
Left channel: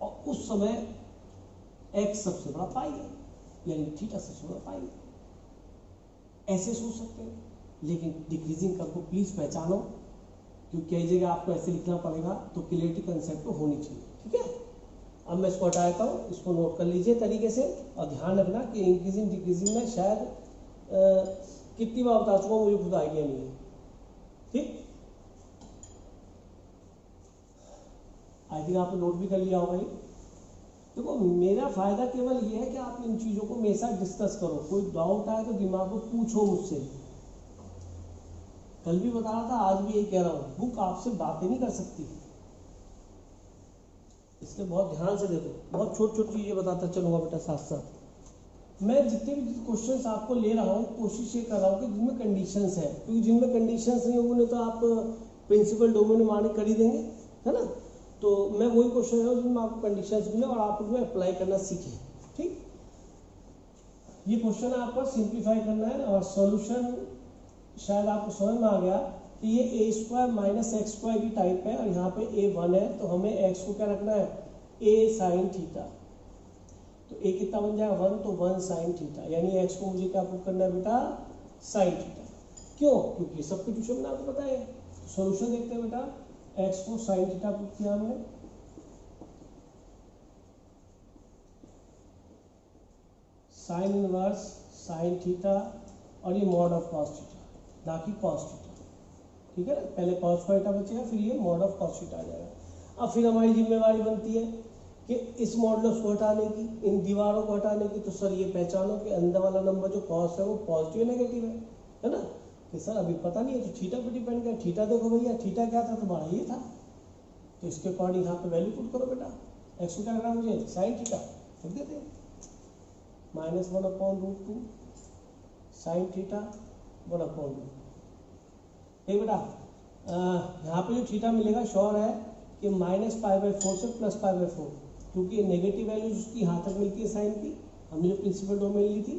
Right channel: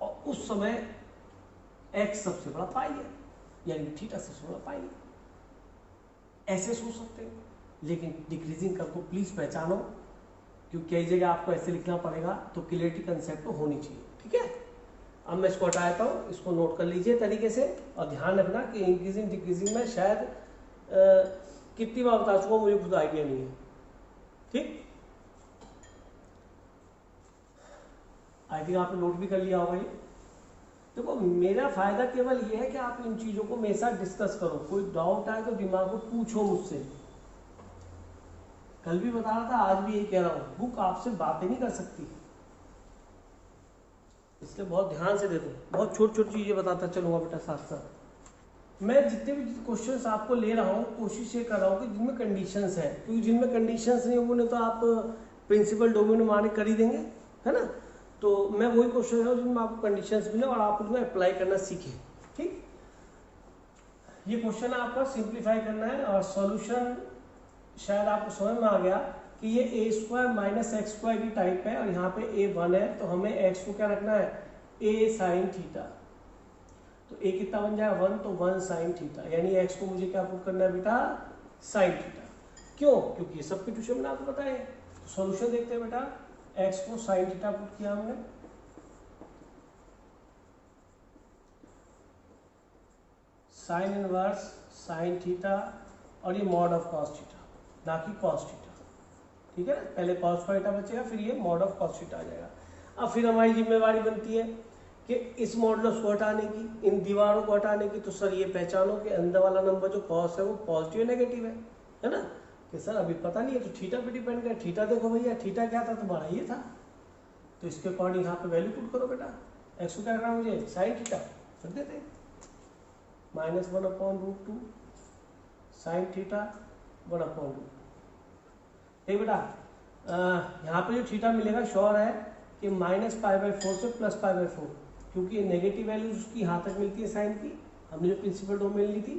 और उस समय x सबसे बड़ा पाई है, यानी थीटा सबसे बड़ा पाई है, ऐसे सोच सकते हो। लेकिन डिक्रीजिंग कर्व को प्लीज पहचानो, क्योंकि कई जगह आपको ऐसे लिखना पड़ेगा, तो क्लियरिटी कंसेप्ट तो होनी चाहिए, ठीक है। अब मैं इसको हटाता हूँ, इसको नोट कर लीजिए तरीके से, और ध्यान रखना कि इंक्रीजिंग डिक्रीजिंग में शायद कितनी बार बता चुका मुझे खुद आइडिया नहीं है, ठीक। आई थिंक आपने नोट भी कर लिया होगा ये। देखो मेरा फायदा केवल ये है कि आप इन चीजों को मेरे साथ डिस्कस करो, कोई डाउट आए तो दिमाग में पूछो मुझसे, कल भी बता रहा था आज भी यही कह रहा हूं, बुक आपसे बातें नहीं कर सकती, इसलिए बहुत ध्यान से देखो, बहुत छोटी छोटी चीजें बताता चलूंगा बेटा साथ साथ। मैं जितने भी क्वेश्चंस आपको ले रहा हूँ कोशिश ये कर रहा हूँ कि जिनमें कंडीशंस है, क्योंकि जिनमें कंडीशंस नहीं होंगे तो आप प्रिंसिपल डोमेन माने कर ही देंगे, है ना। तो मैं वही क्वेश्चन है जिनमें आपको कंडीशंस मिले और आप उसमें अप्लाई करना सीखें, ठीक। ये क्वेश्चन आपका सिंप्लीफाई करना है और सॉल्यूशन शायद आपको समझ में आ गया कि ये a² - x² की टाइप है और यहाँ पे a1 है, तो हमें x को क्या रखना है a sin थीटा, तो a कितना बन जाएगा 1, तो 1 sin थीटा, यानी x को मुझे क्या पुट करना है बेटा sin थीटा, क्यों, क्योंकि ये सब्स्टिट्यूशन मैंने आपको बताया है। सॉल्यूशन देखते हैं बेटा, x को sin थीटा पुट किया हमने, साइन इनवर्स sin थीटा और ये मॉड ऑफ cos थीटा, ना कि cos थीटा, ठीक है ना, पहले cos थीटा बचेगा फिर ये मॉड ऑफ cos थीटा आ जाएगा। अब फिर हमारी जिम्मेवारी बनती है कि इस मॉडुलस को हटाने की, इन दीवारों को हटाने की, तो सर ये पहचानो कि अंदर वाला नंबर जो cos है वो पॉजिटिव या नेगेटिव है ना, कि सर अभी पता नहीं है तो थीटा पे डिपेंड है, थीटा देखो भैया थीटा क्या था तुम्हारा ये था, तो इसके अकॉर्डिंग यहाँ पे वैल्यू पुट करो बेटा, एक्स को क्या करना मुझे साइन थीटा रख देते हैं, -1/√2 साइन थीटा 1/√2, ठीक बेटा। यहाँ पे जो थीटा मिलेगा श्योर है कि -π/4 से +π/4, क्योंकि ये नेगेटिव वैल्यूज उसकी यहाँ तक मिलती है साइन की, हमने जो प्रिंसिपल डोमेन ली थी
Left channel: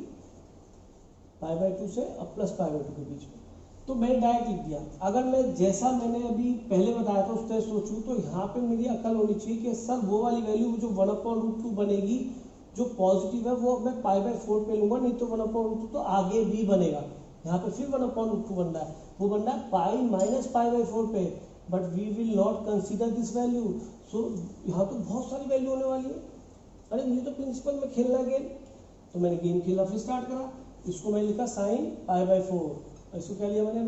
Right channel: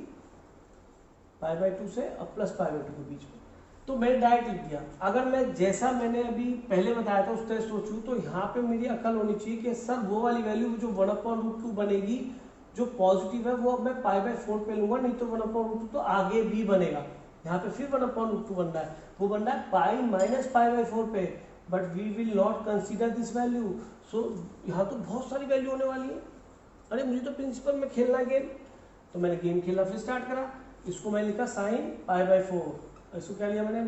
π/2 से अब +π/2 के बीच में, तो मैंने डायरेक्ट लिख दिया। अगर मैं जैसा मैंने अभी पहले बताया था उस तरह सोचूं तो यहाँ पे मेरी अकल होनी चाहिए कि सर वो वाली वैल्यू जो 1/√2 बनेगी जो पॉजिटिव है वो अब मैं π/4 पे लूंगा, नहीं तो 1/√2 तो आगे भी बनेगा, यहाँ पे फिर 1/√2 बन रहा है, वो बन रहा है π - π/4 पे, but we will not consider this value, so यहाँ तो बहुत सारी वैल्यू होने वाली है। अरे मुझे तो प्रिंसिपल में खेलना है गेम, तो मैंने गेम खेलना फिर स्टार्ट करा, इसको मैं लिखा sin π/4, इसको क्या लिया मैंने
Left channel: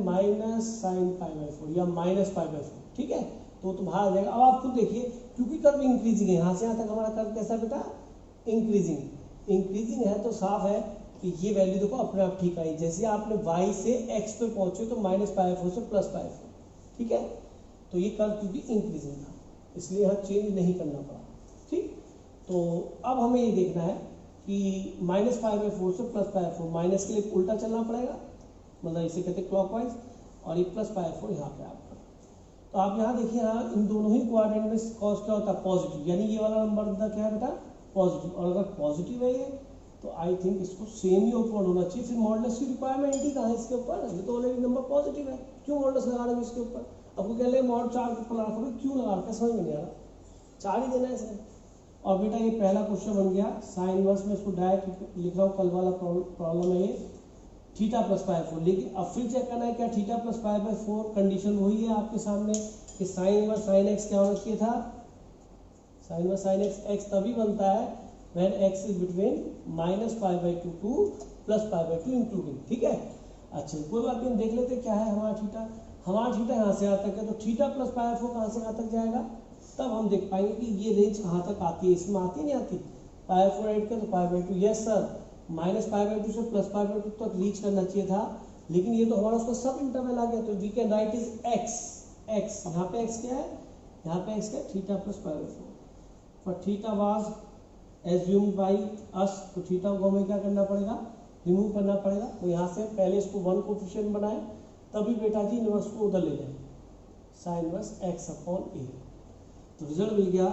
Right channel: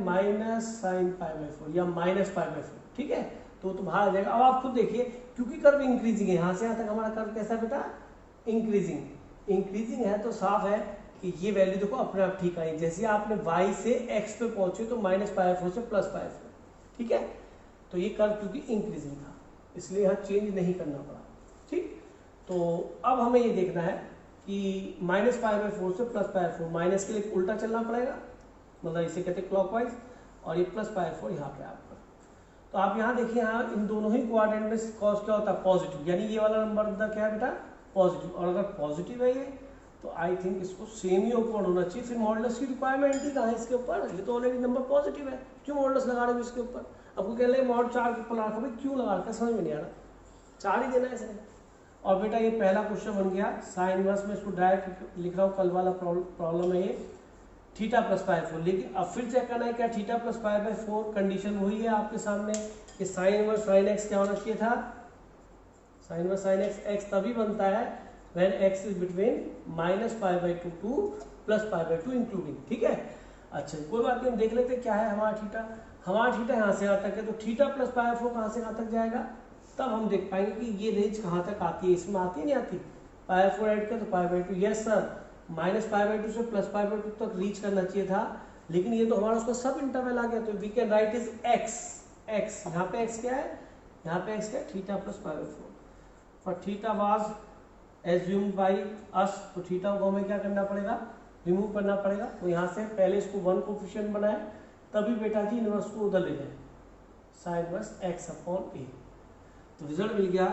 -sin π/4 या -π/4, ठीक है, तो बाहर आ जाएगा। अब आप खुद देखिए, क्योंकि कर्व इंक्रीजिंग है, यहाँ से यहाँ तक हमारा कर्व कैसा बेटा इंक्रीजिंग है, तो साफ है कि ये वैल्यू देखो अपने आप ठीक आई, जैसे आपने y से x पे पहुंचे तो -π/4 से +π/4, ठीक है। तो ये कर्व क्योंकि इंक्रीजिंग था इसलिए यहाँ चेंज नहीं करना पड़ा, ठीक। तो अब हमें ये देखना है कि -π/4 से +π/4, माइनस के लिए उल्टा चलना पड़ेगा, मतलब इसे कहते हैं क्लॉकवाइज, और ये +π/4 यहाँ पे आपका। तो आप यहाँ देखिए, यहाँ इन दोनों ही क्वाड्रेंट में कॉस क्या होता है, पॉजिटिव, यानी ये वाला नंबर का क्या है बेटा, पॉजिटिव। और अगर पॉजिटिव है ये तो आई थिंक इसको सेम ही ओपन होना चाहिए, फिर मॉडुलस की रिक्वायरमेंट ही कहाँ है इसके ऊपर, ये तो ऑलरेडी नंबर पॉजिटिव है, क्यों मॉडुलस लगा रहे हो इसके ऊपर। आपको कह रहे हैं मॉड 4 के ऊपर लगा रहे, क्यों लगा रहे, समझ में नहीं आ रहा, 4 ही देना है इसमें। और बेटा ये पहला क्वेश्चन बन गया साइन इनवर्स में, इसको डायरेक्ट लिख रहा हूँ, कल वाला प्रॉब्लम है ये, थीटा +π/4। लेकिन अब फिर चेक करना है क्या, थीटा +π/4 कंडीशन वही है आपके सामने कि साइन इनवर्स साइन एक्स क्या होना चाहिए था, साइन इनवर्स साइन एक्स तभी बनता है when x is between -π/2 to +π/2 including, ठीक है। अच्छा कोई बात नहीं, हम देख लेते क्या है हमारा थीटा। हमारा थीटा यहाँ से यहाँ तक है, तो थीटा +π/4 कहाँ से कहाँ तक जाएगा, तब हम देख पाएंगे कि ये रेंज कहाँ तक आती है, इसमें आती है नहीं आती, π/4 ऐड कर तो π/2, यस सर, -π/2 से +π/2 तक रीच करना चाहिए था, लेकिन ये तो हमारा उसका सब इंटरवल आ गया, तो we can write is x, यहाँ पे x क्या है, यहाँ पे x क्या है, theta +π/4। For theta was assumed by us, तो थीटा को हमें क्या करना पड़ेगा, रिमूव करना पड़ेगा। तो यहाँ से पहले इसको 1 कोफिशिएंट बनाए, तभी बेटा जी इनवर्स को उधर ले जाए, साइन इनवर्स x/a। तो रिजल्ट मिल गया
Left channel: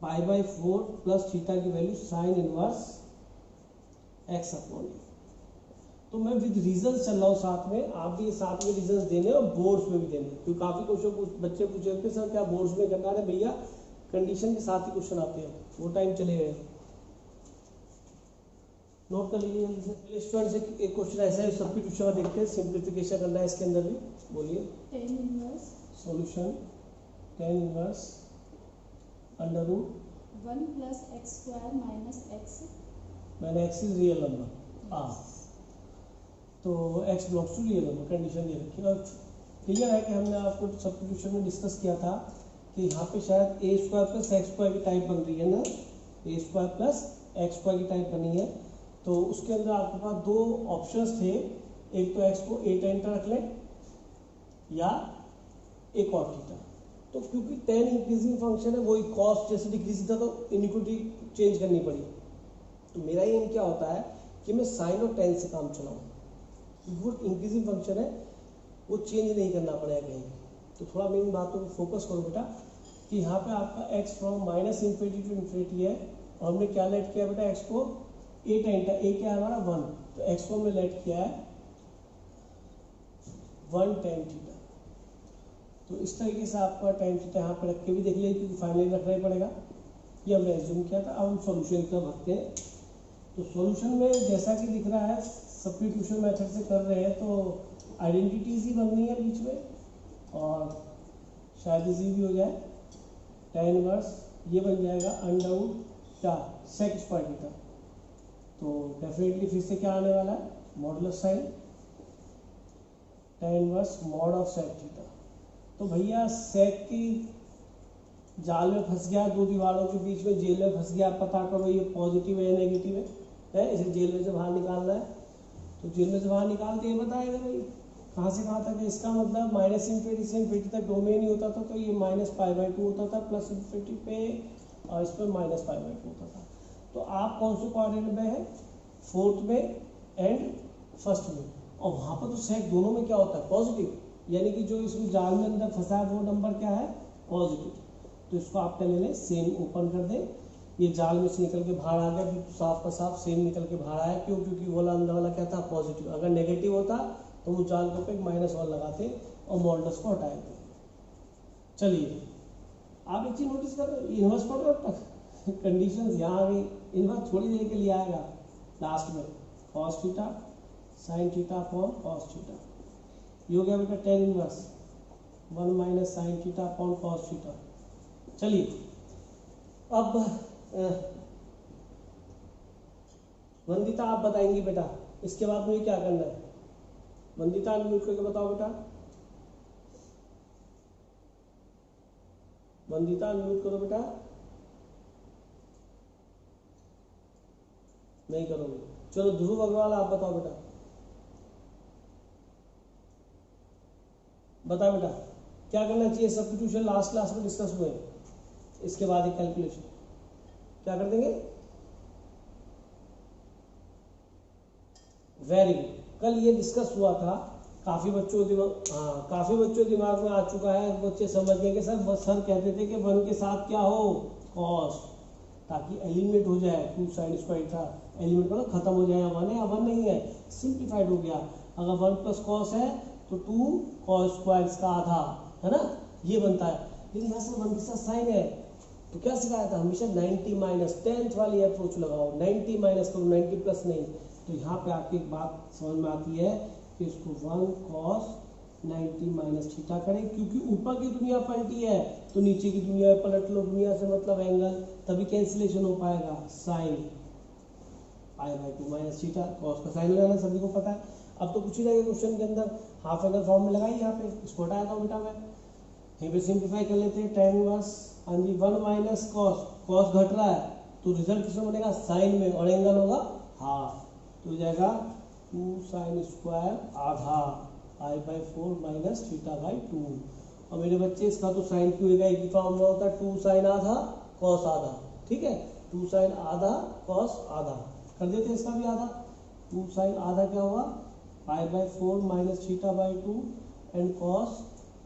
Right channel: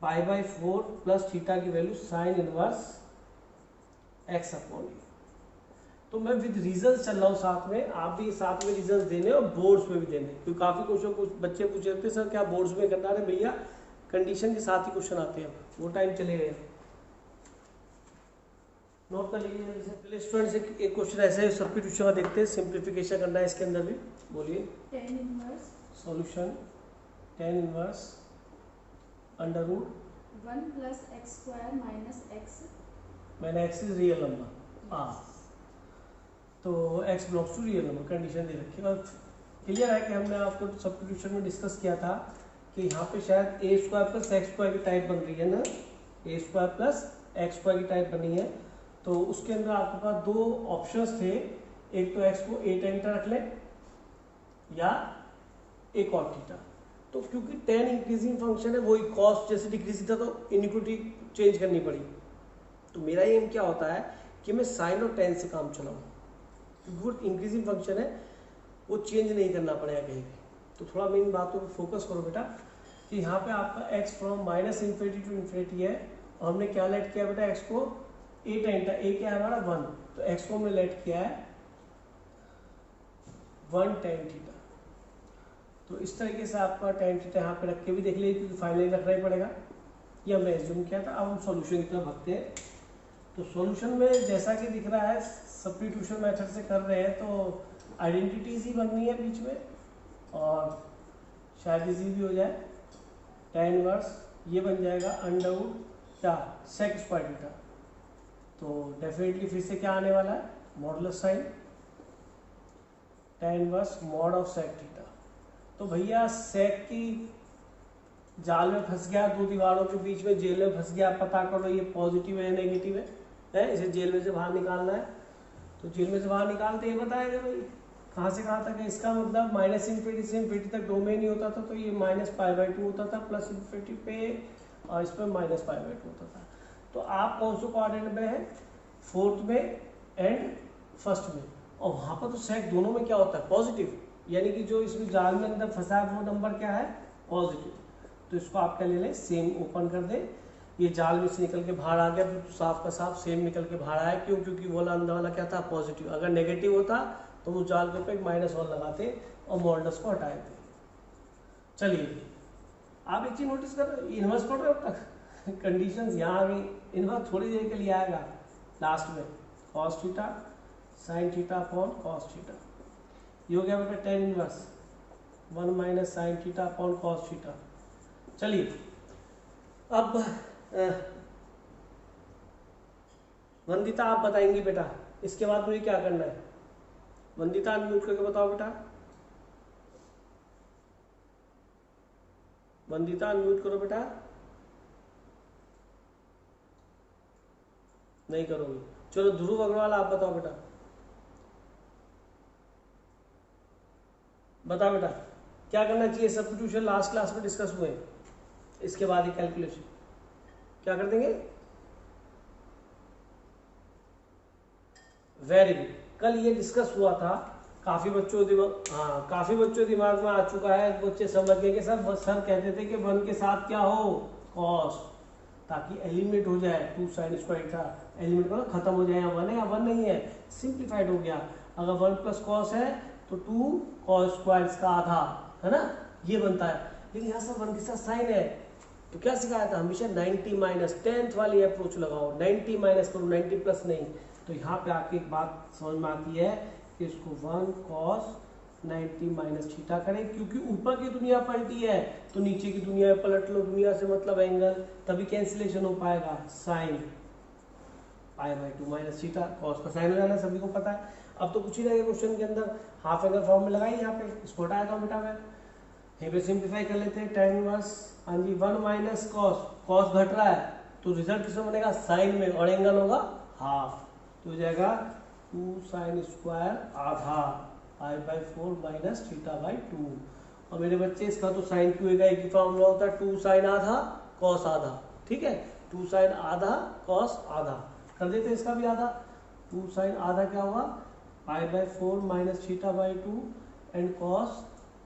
π/4 प्लस थीटा की वैल्यू साइन इनवर्स x/a। तो मैं विद रीजंस चल रहा हूँ साथ में, आप भी साथ में रीजंस देने और बोर्ड्स में भी देने, क्योंकि काफी क्वेश्चन कुछ बच्चे पूछ रहे थे सर क्या बोर्ड्स में करना है, भैया कंडीशन के साथ ही क्वेश्चन आते हैं, वो टाइम चले गए, नोट कर लीजिए। पहले स्टूडेंट से एक क्वेश्चन ऐसा है, सब्स्टिट्यूशन का देखते हैं, सिंप्लीफिकेशन करना है इसके अंदर भी, बोलिए। tan inverse solution tan inverse under root 1 + x² - x, मैंने x इज रियल नंबर, तो x belongs to real number, condition दे रखी है। और क्लियर है कि हमने आपको सब्स्टिट्यूशन में डिस्कस किया था कि यहाँ पे शायद a² + x² की टाइप बन रही है ना, a² + x² की टाइप बनी है, तो उसके अंदर आपके पास दो ऑप्शंस थे, एक तो x को a tan रख ले या एक और थीटा। तो क्योंकि tan इंक्रीजिंग फंक्शन है, वही कॉस्ट जैसे डिक्रीज था तो इनिक्विटी चेंज करनी पड़ी। तो मेरा एम क्या होता है कि मैं साइन और tan से काम चलाऊं, क्योंकि इंक्रीजिंग फंक्शन है वो चेंज नहीं करना पड़ेगा कहीं। तो थोड़ा मेरी बातों पर फोकस करो बेटा, कि यहाँ पे आपका x फ्रॉम -∞ टू इन्फिनिटी है, और हमने क्या लेट किया बेटा, x को a tan, a क्या है हमारा 1, तो x को हमने लेट किया है 1 tan थीटा। तो इस तरीके से आपका tan थीटा यहाँ पे रख के भी देख लीजिए, क्योंकि फाइनली रखना ही पड़ेगा, ये हमने एज्यूम किया था। अब हम सॉल्यूशन की तरफ भागते हैं। तो सॉल्यूशन में जैसा कि दिख रहा है सब्स्टिट्यूशन मेथड से कर रहे हैं, तो आइडेंटिटीज ही बननी है बीच में, और शायद इजी भी हो जाए। tan इनवर्स ये बन जाएगा अंडर रूट क्या, sec स्क्वायर थीटा, तो डेफिनेटली फिर से क्या आने वाला है, modulus sine tan inverse mod of sec theta. तो भैया sec की जाल में फंस गया, दो दीवारों के बीच में जेल में फंस गया, पता करो ये पॉजिटिव है नेगेटिव है, इसे जेल में से बाहर निकालना है। तो जेल में से बाहर निकालते ये बताएगा भाई कहाँ से कहाँ तक है, इसका मतलब -∞ से इन्फिनिटी तक डोमेन ही होता था, तो ये -π/2 होता था, +∞ पे, और इस पर -π/2 होता था। तो आप कौन से क्वाड्रेंट में है, 4th में एंड 1st में, और वहाँ पर तो सेक दोनों में क्या होता है, पॉजिटिव, यानी कि जो इसमें जाल में अंदर फंसा है वो नंबर क्या है, पॉजिटिव। तो इसको आप क्या ले लें, सेम ओपन कर दें, ये जाल में से निकल के बाहर आ गया, तो साफ का साफ सेम निकल के बाहर आया, क्यों, क्योंकि वो अंदर वाला क्या था, पॉजिटिव। अगर नेगेटिव होता तो वो जाल के ऊपर एक -1 लगाते और मॉडुलस को हटा देते। चलिए आप एक चीज नोटिस कर रहे हो, इनवर्स पढ़ रहे हो अब तक, कंडीशन यहाँ आ गई, इनवर्स थोड़ी देर के लिए आएगा लास्ट में, cos theta sin theta upon cos theta, ये हो गया बेटा tan inverse 1 - sin theta upon cos theta. चलिए अब वंदिता आप बताएंगी बेटा, इसके बाद मुझे क्या करना है, वंदिता अनम्यूट करके बताओ बेटा, वंदिता अनम्यूट करो बेटा, नहीं करोगे। चलो ध्रुव अग्रवाल आप बताओ बेटा, बताओ बेटा क्या करना चाहिए। सब्स्टिट्यूशन लास्ट क्लास में डिस्कस हुए, इसके बाद एक कैलकुलेशन क्या कर देंगे। वेरी गुड, कल ये डिस्कस हुआ था, काफी बच्चों के दिमाग में आ चुका है। बच्चे समझ गए कि सर कहते थे कि 1 के साथ क्या हो, कॉस, ताकि एलिमिनेट हो जाए। 2 साइन स्क्वायर था, एलिमिनेट करो खत्म हो जाए। 1 है या 1 नहीं है, सिंप्लीफाइड हो गया। अगर 1 प्लस कॉस है तो 2 कॉस स्क्वायर का आधा, है ना, ये बनता है। लेकिन यहाँ से 1 के साथ साइन है, तो क्या सिखाया था, हमेशा 90 माइनस 10th वाली अप्रोच लगाओ। 90 माइनस करो, 90 प्लस नहीं। तो यहाँ पे आके एक बात समझ में आती है कि इसको 1 cos 90 माइनस थीटा करें, क्योंकि ऊपर की दुनिया पलटी है तो नीचे की दुनिया पलट लो। दुनिया से मतलब एंगल, तभी कैंसिलेशन हो पाएगा। साइन π/2 माइनस थीटा, कॉस का साइन लगाना सभी को पता है। अब तो कुछ ही रहेगा क्वेश्चन के अंदर, हाफ एंगल फॉर्म में लगाई यहाँ पे, इसको हटाया था बेटा मैं, यहीं पे सिंप्लीफाई कर लेते हैं। tan इनवर्स, हाँ जी, 1 माइनस कॉस, कॉस घट रहा है तो रिजल्ट किसमें बनेगा, साइन में, और एंगल होगा हाफ, तो हो जाएगा 2 साइन स्क्वायर आधा π/4 माइनस θ/2। और मेरे बच्चे इसका तो साइन क्यू का एक ही फॉर्मूला होता है, 2 साइन आधा कॉस आधा, ठीक है, 2 साइन आधा कॉस आधा कर देते हैं, इसका भी आधा। 2 साइन आधा क्या होगा, π/4 माइनस θ/2 एंड कॉस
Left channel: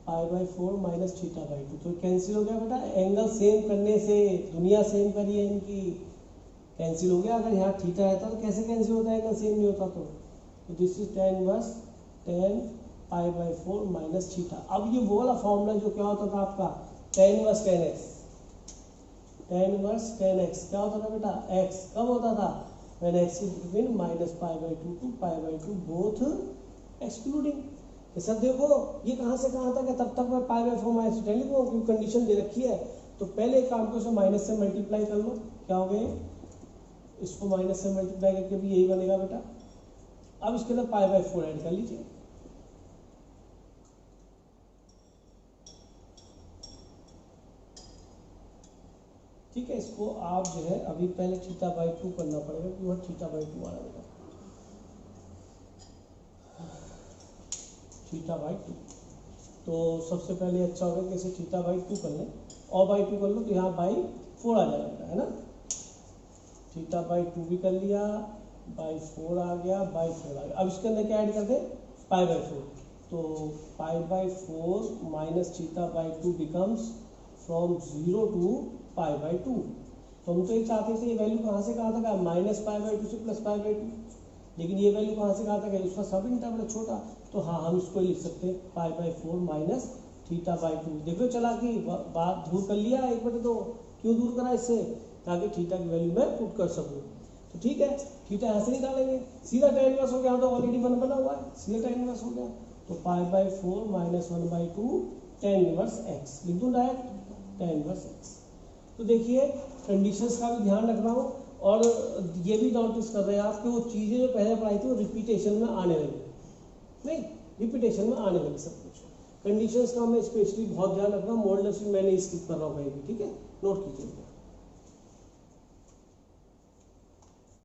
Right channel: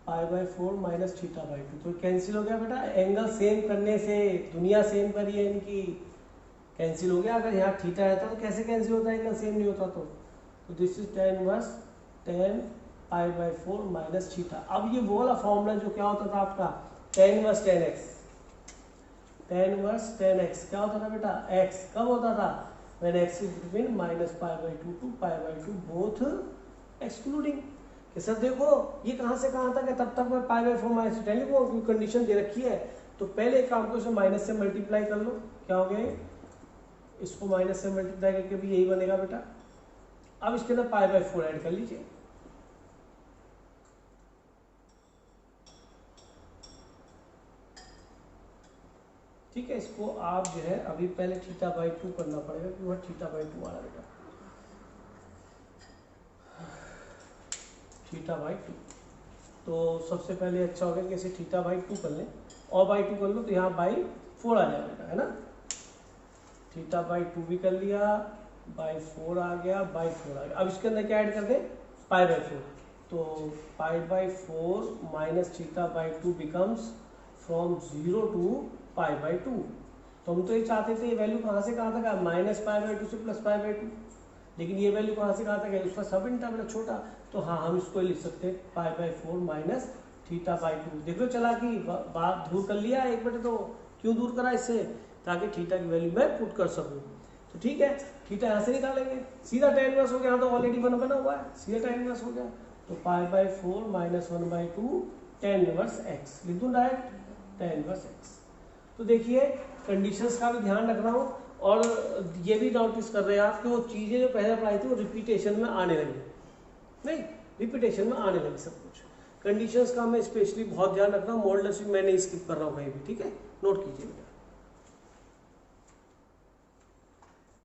π/4 माइनस θ/2। तो कैंसिल हो गया बेटा, एंगल सेम करने से, दुनिया सेम करी है इनकी, कैंसिल हो गया। अगर यहाँ थीटा रहता तो कैसे कैंसिल होता है, एंगल सेम नहीं होता तो this is tan inverse tan π/4 minus theta. अब ये वो वाला फॉर्मूला जो क्या होता था आपका, tan inverse tan x, tan inverse tan x क्या होता था बेटा, x कब होता था, when x is between minus π/2 to π/2 both excluding. कि सर देखो ये कहाँ से कहाँ तक है, तब तक मैं π/4 माइनस tan लिखूंगा क्योंकि कंडीशन दे रखी है। तो पहले एक काम को इसमें माइनस से मल्टीप्लाई कर लो, क्या हो गया, इसको माइनस से मल्टीप्लाई करके भी यही बनेगा बेटा। अब इसके अंदर π/4 ऐड कर लीजिए, ठीक है। इसको आप जो है अभी पहले θ/2 करना पड़ेगा क्योंकि वह θ/2 आ रहा बेटा, θ/2। तो सबसे पहले अच्छा होगा कि इसे θ/2 कर लें, और बाई 2 कर लो तो यहाँ बाई 4 आ जाएगा बेटा, है ना। θ/2 भी कर लिया, बाई 4 आ गया, बाई 4 आ गया। अब इसके अंदर क्या ऐड कर दें, π/4, तो π/4 माइनस θ/2 बिकम्स फ्रॉम 0 टू π/2। तो हम तो ये चाहते थे ये वैल्यू कहाँ से कहाँ तक है, माइनस π/2 से प्लस π/2, लेकिन ये वैल्यू कहाँ से कहाँ तक है, उसका सब इंटरवल छोटा, तो हाँ हम इसको लिख सकते हैं π/4 माइनस θ/2। देख लो चला कि बात दूर कर लिया एक बटे, तो क्यों दूर करा इससे, ताकि थीटा की वैल्यू मैं पुट कर सकूं। तो ठीक है, थीटा यहाँ से निकालेंगे, सीधा tan इनवर्स हो गया, तो ऑलरेडी 1 बना हुआ है, सीधा tan इनवर्स हो गया। तो π/4 माइनस 1/2 tan इनवर्स x लिख दूं डायरेक्ट, tan इनवर्स x। तो देखिए कंडीशंस का भी ध्यान रख रहा हूँ, और ये भी नोटिस कर रहे हैं आप कि वो चीज़ें जो पहले पढ़ाई थी वो रिपीटेशन में आने लगी, नहीं रिपीटेशन में आने लगी सब कुछ। कंडीशंस का मैं स्पेशली बहुत ध्यान रख रहा हूँ, मॉडल्स भी मैंने स्किप कर रहा हूँ कहीं भी, ठीक है, नोट कीजिए।